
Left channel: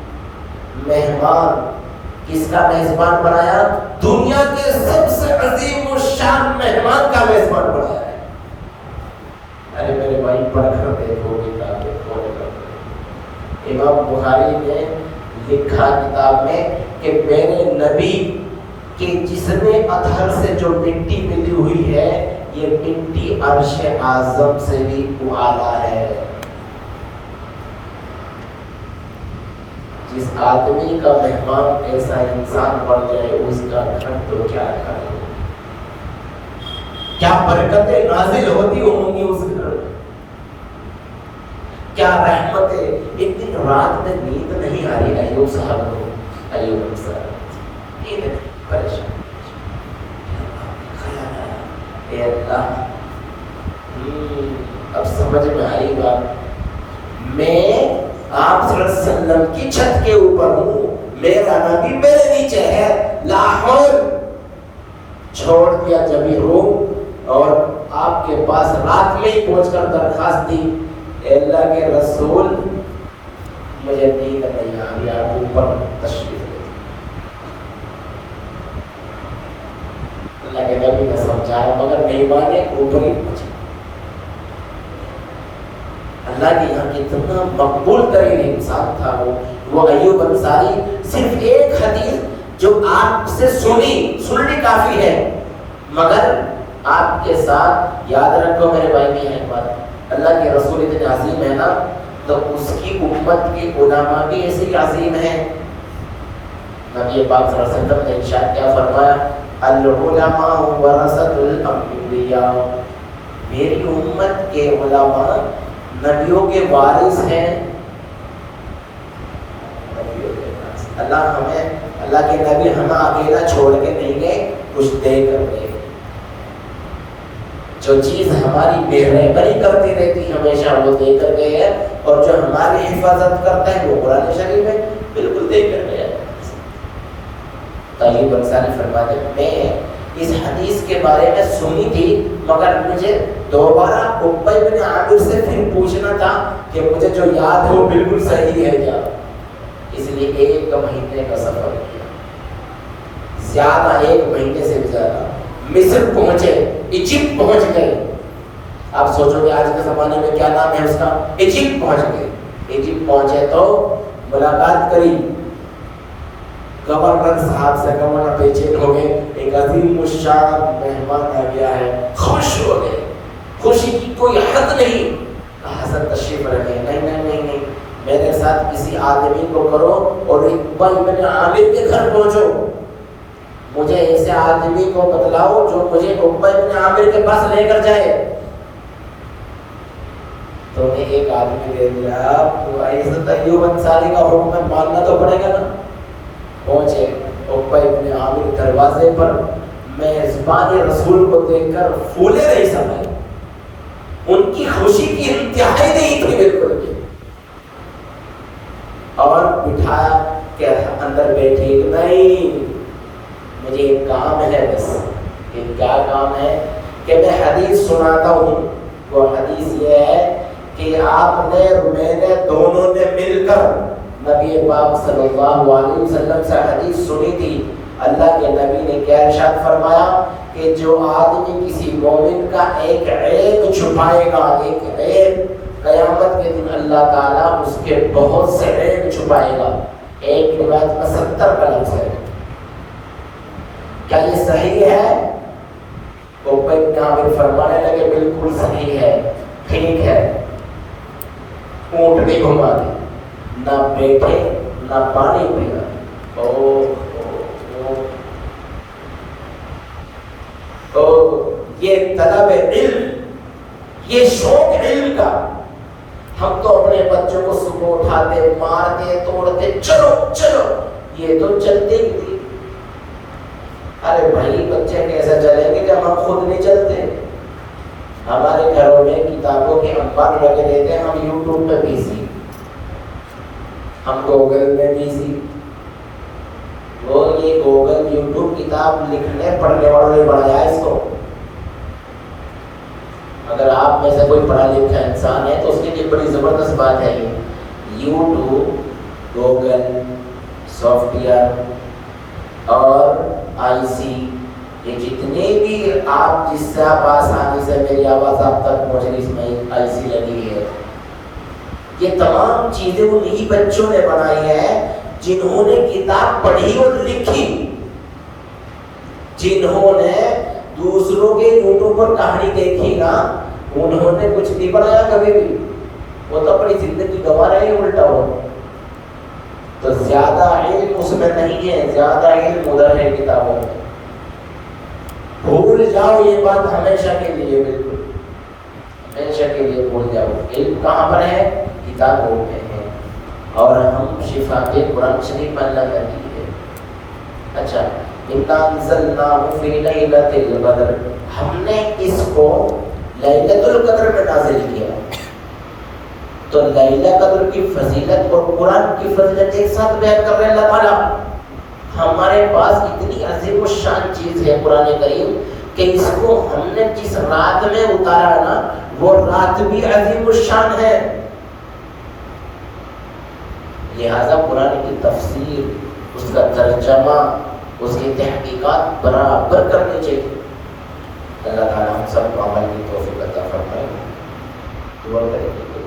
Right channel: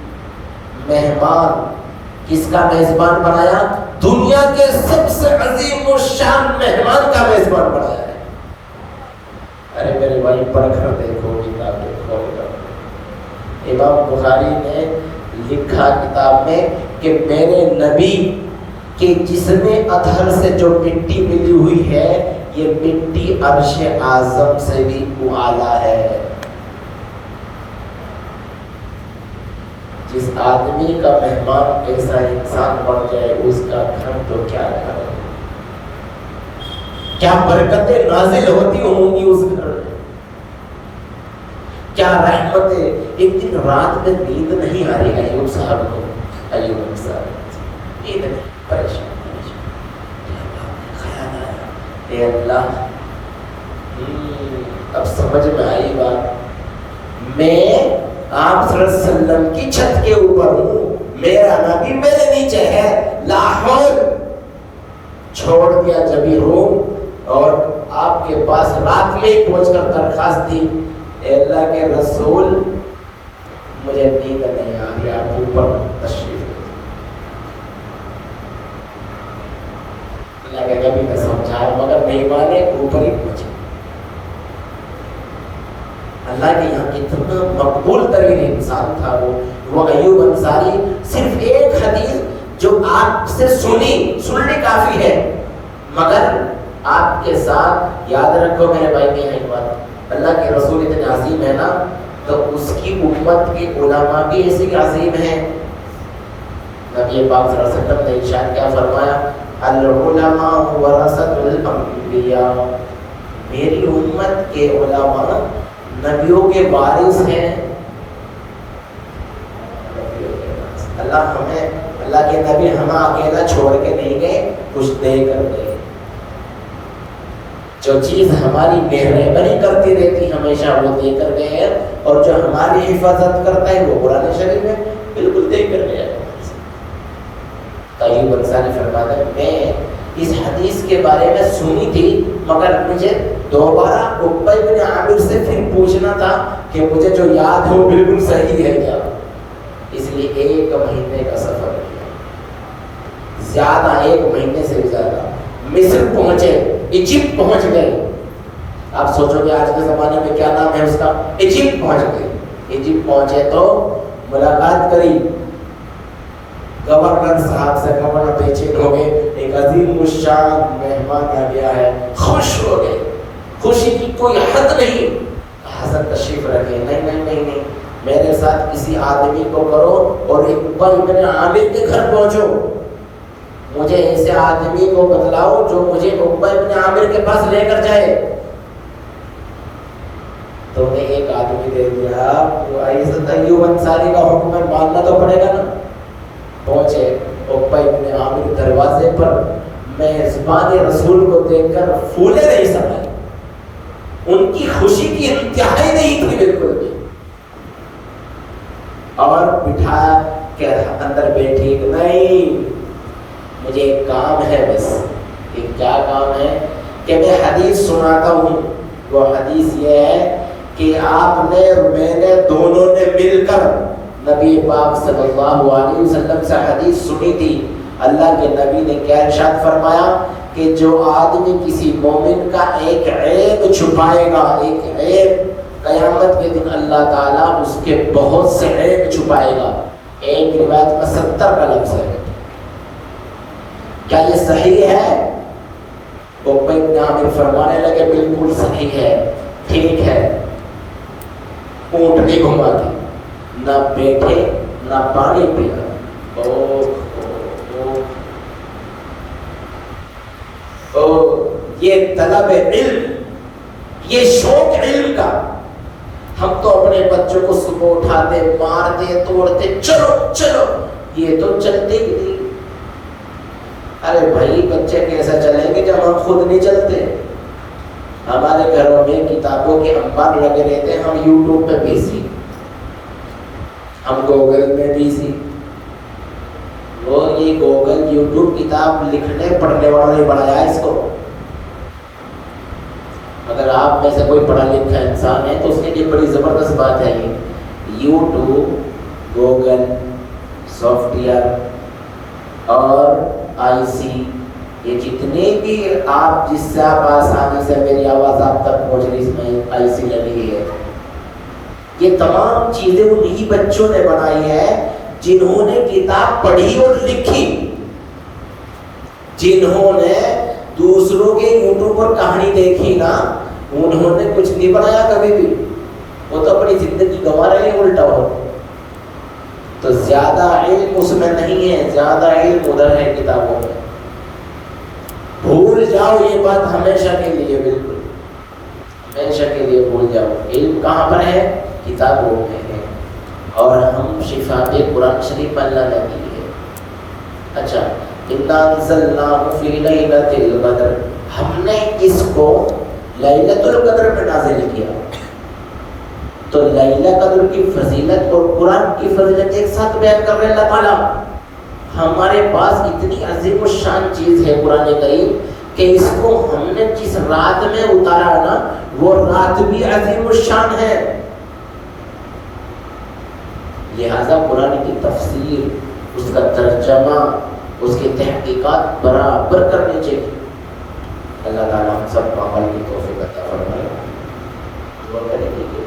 مہمان، کس کا میزبان بنایا؟ دنیا کے سب سے عظیم و شان مہمان کا میزبان بنایا ہے۔ ارے میرے بھائی پڑھ کر دیکھو امام بخاری نے لکھا کتاب میں کہ میرے نبی کے جسم اطہر سے جو مٹی ملی ہوئی ہے، یہ مٹی عرش اعظم سے بھی اعلیٰ ہے۔ جس آدمی کا مہمان ایسا انسان بن جائے، اس کا گھر تو کیا گھر، کیا برکتیں نازل ہوتی ہوں گی اس گھر میں، کیا رحمتیں۔ ایک دن رات میں نیند نہیں آ رہی ایوب صاحب کو، ایوب صاحب نیند پریشان، خیال آیا اے اللہ، اب سمجھ میں آئی بات، میں آپ صلی اللہ علیہ وسلم کی چھت کے اوپر ہوں، میرا نبی میرے نیچے ہے، لاہور چھوڑ دیا جبھی روم، اور آپ کے پاس رات میں ہی پہنچ کر درخواست دی، اے اللہ کے رسول مجھے نیند نہیں آ رہی، آپ اوپر تشریف لے۔ اللہ کے نبی نے سمجھایا مگر نہیں مانے، اوپر ہی پہنچے۔ اللہ کے یہاں اتنا مقبول ترین انسان تھا وہ ایوب انصاری۔ صرف ایک حدیث جو آپ سے سننے کافی ہے، مگر آپ کے ساتھ یاد رکھو میرے بھائی میں ایک بات، اللہ کے رسول اتنے عظیم ہے نا، تو اس کی امت کے علماء بھی ایسی عظیم ہیں۔ نبی پاک صلی اللہ علیہ وسلم نے ارشاد کیا فرمایا؟ العلماء ورثۃ الانبیاء، میری امت کے علماء نبیوں کے وارث ہیں۔ اللہ کے نبی ہمیں اکیلا چھوڑ کے نہیں گئے، کچھ دے کر گئے۔ جو چیز ہماری مہربانی کرتی رہتی ہمیشہ وہ دے کر گئے ہیں، اور جو ہماری حفاظت کرتا ہے وہ قرآن شریف میں بالکل دے کر گیا۔ ایوب انصاری فرماتے ہیں میں اس حدیث کے بارے میں سنی تھی، مگر مجھے دوبارہ عقبہ بن عامر سے پھر پوچھنا تھا کہ مجھے جو یاد ہے وہ بالکل صحیح ہے کیا، اس لیے 1 مہینے کا سفر، زیادہ 1 مہینے سے بھی زیادہ، مصر پہنچے، ایجپٹ پہنچ گئے۔ آپ سوچو گے آج کے زمانے میں کیا نام ہے اس کا، ایجپٹ پہنچ گئے۔ ایجپٹ پہنچے تو ملاقات کری گورنر صاحب سے، گورنر بے چین ہو گئے، ایک عظیم الشان مہمان آ گیا ہے، خوش ہو گئے، خوشی کی کوئی حد نہیں۔ حضرت تشریف رکھے، نہیں، میرے ساتھ کسی آدمی کو کرو اور عقبہ بن عامر کے گھر پہنچو، مجھے ایسے آدمی کو بتلاؤ جو مجھے عقبہ بن عامر کے پاس لے کر جائے۔ تو انہیں ایک آدمی دے دیا، ایوب انصاری کا حکم ماننا تو پڑے گا نا۔ پہنچے ابن عامر کے دروازے پر میزبان رسول کو دیکھ کر پھولے نہیں سمے، ان کی خوشی کی انتہائی نہیں تھی بالکل بھی، اور بٹھایا کہ اندر بیٹھی، نہیں مجھے ایک کام ہے، بس ایک کیا کام ہے کہ میں حدیث سناتا ہوں۔ وہ حدیث یہ ہے کہ آپ نے میں نے دونوں نے مل کر نبی پاک صلی اللہ علیہ وسلم سے حدیث سنی تھی۔ اللہ کے نبی نے کیا ارشاد فرمایا کہ جو آدمی کسی مومن کا ایک عیب چھپائے گا، ایک عیب، قیامت کے دن اللہ تعالیٰ اس کے بہت سے عیب چھپائے گا۔ ایک روایت میں 70 کا لفظ ہے، کیا یہ صحیح ہے؟ تو ابن عامر فرمانے لگے بالکل صحیح ہے، ٹھیک ہے۔ اونٹ نہیں گھماتی، نہ بیٹھے نہ پانی پینا، یہ طلب علم، یہ شوق علم کا، ہم تو اپنے بچوں کو صبح اٹھاتے مارتے توڑتے، چلو چلو، یہ تو چلتے بھی تھی۔ ارے بھائی بچے کیسا چلیں گے جب ہم خود نہیں چلتے؟ ہمارے گھروں میں کتابوں کے انبار لگے رہتے ہیں، ہم یوٹیوب پہ بزی، ہم گوگل میں بزی۔ وہ یہ گوگل یوٹیوب کتاب لکھنے پڑھنے والا نہیں پڑھایا اس کو۔ اگر آپ میں سے کوئی پڑھا لکھا انسان ہے تو اس کے لیے بڑی زبردست بات ہے، یوٹیوب، گوگل، سافٹ ویئر اور آئی سی، یہ جتنے بھی آپ جس سے آپ آسانی سے میری آواز آپ تک پہنچ رہی، اس میں آئی سی لگی ہے، یہ تمام چیزیں انہی بچوں نے بنائی ہے جنہوں نے کتاب پڑھی اور لکھی، جنہوں نے دوسروں کے یوٹیوب پر کہانی دیکھی نا، انہوں نے کچھ نہیں بنایا کبھی بھی، وہ تو اپنی زندگی گنوا رہے ہیں الٹا ہو۔ تو زیادہ علم اس میں نہیں ہے، زیادہ علم ادھر ہے کتابوں میں۔ بھول جاؤ یہ بات ہمیشہ کے لیے، بالکل ہمیشہ کے لیے بھول جاؤ۔ علم کہاں پر ہے؟ کتابوں میں ہے، اور ہم شفاء قرآن شریف میں اللہ نے دی ہے۔ اچھا، اِنَّا أَنزَلْنَاهُ فِي لَيْلَةِ الْقَدْرِ، ہم نے اس کو لیلۃ القدر میں نازل کیا۔ تو لیلۃ القدر کی فضیلت اور قرآن کی فضیلت ایک ساتھ بیان کر رہے ہیں اللہ تعالیٰ۔ ہمارے پاس اتنی عظیم الشان چیز ہے قرآن کریم کہ اس کو ہم نے جس رات میں اتارا نا، وہ رات بھی عظیم الشان ہے۔ لہذا قرآن کی تفسیر، اس کا ترجمہ، اس کی تحقیقات برابر کرنی چاہیے۔ اللہ تعالیٰ ہم سب کو عمل کی توفیق عطا فرمائے۔ دعا کریں گے۔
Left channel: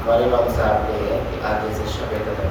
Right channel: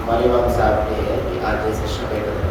ہمارے امام صاحب نے ہے کہ آج جیسے شب قدر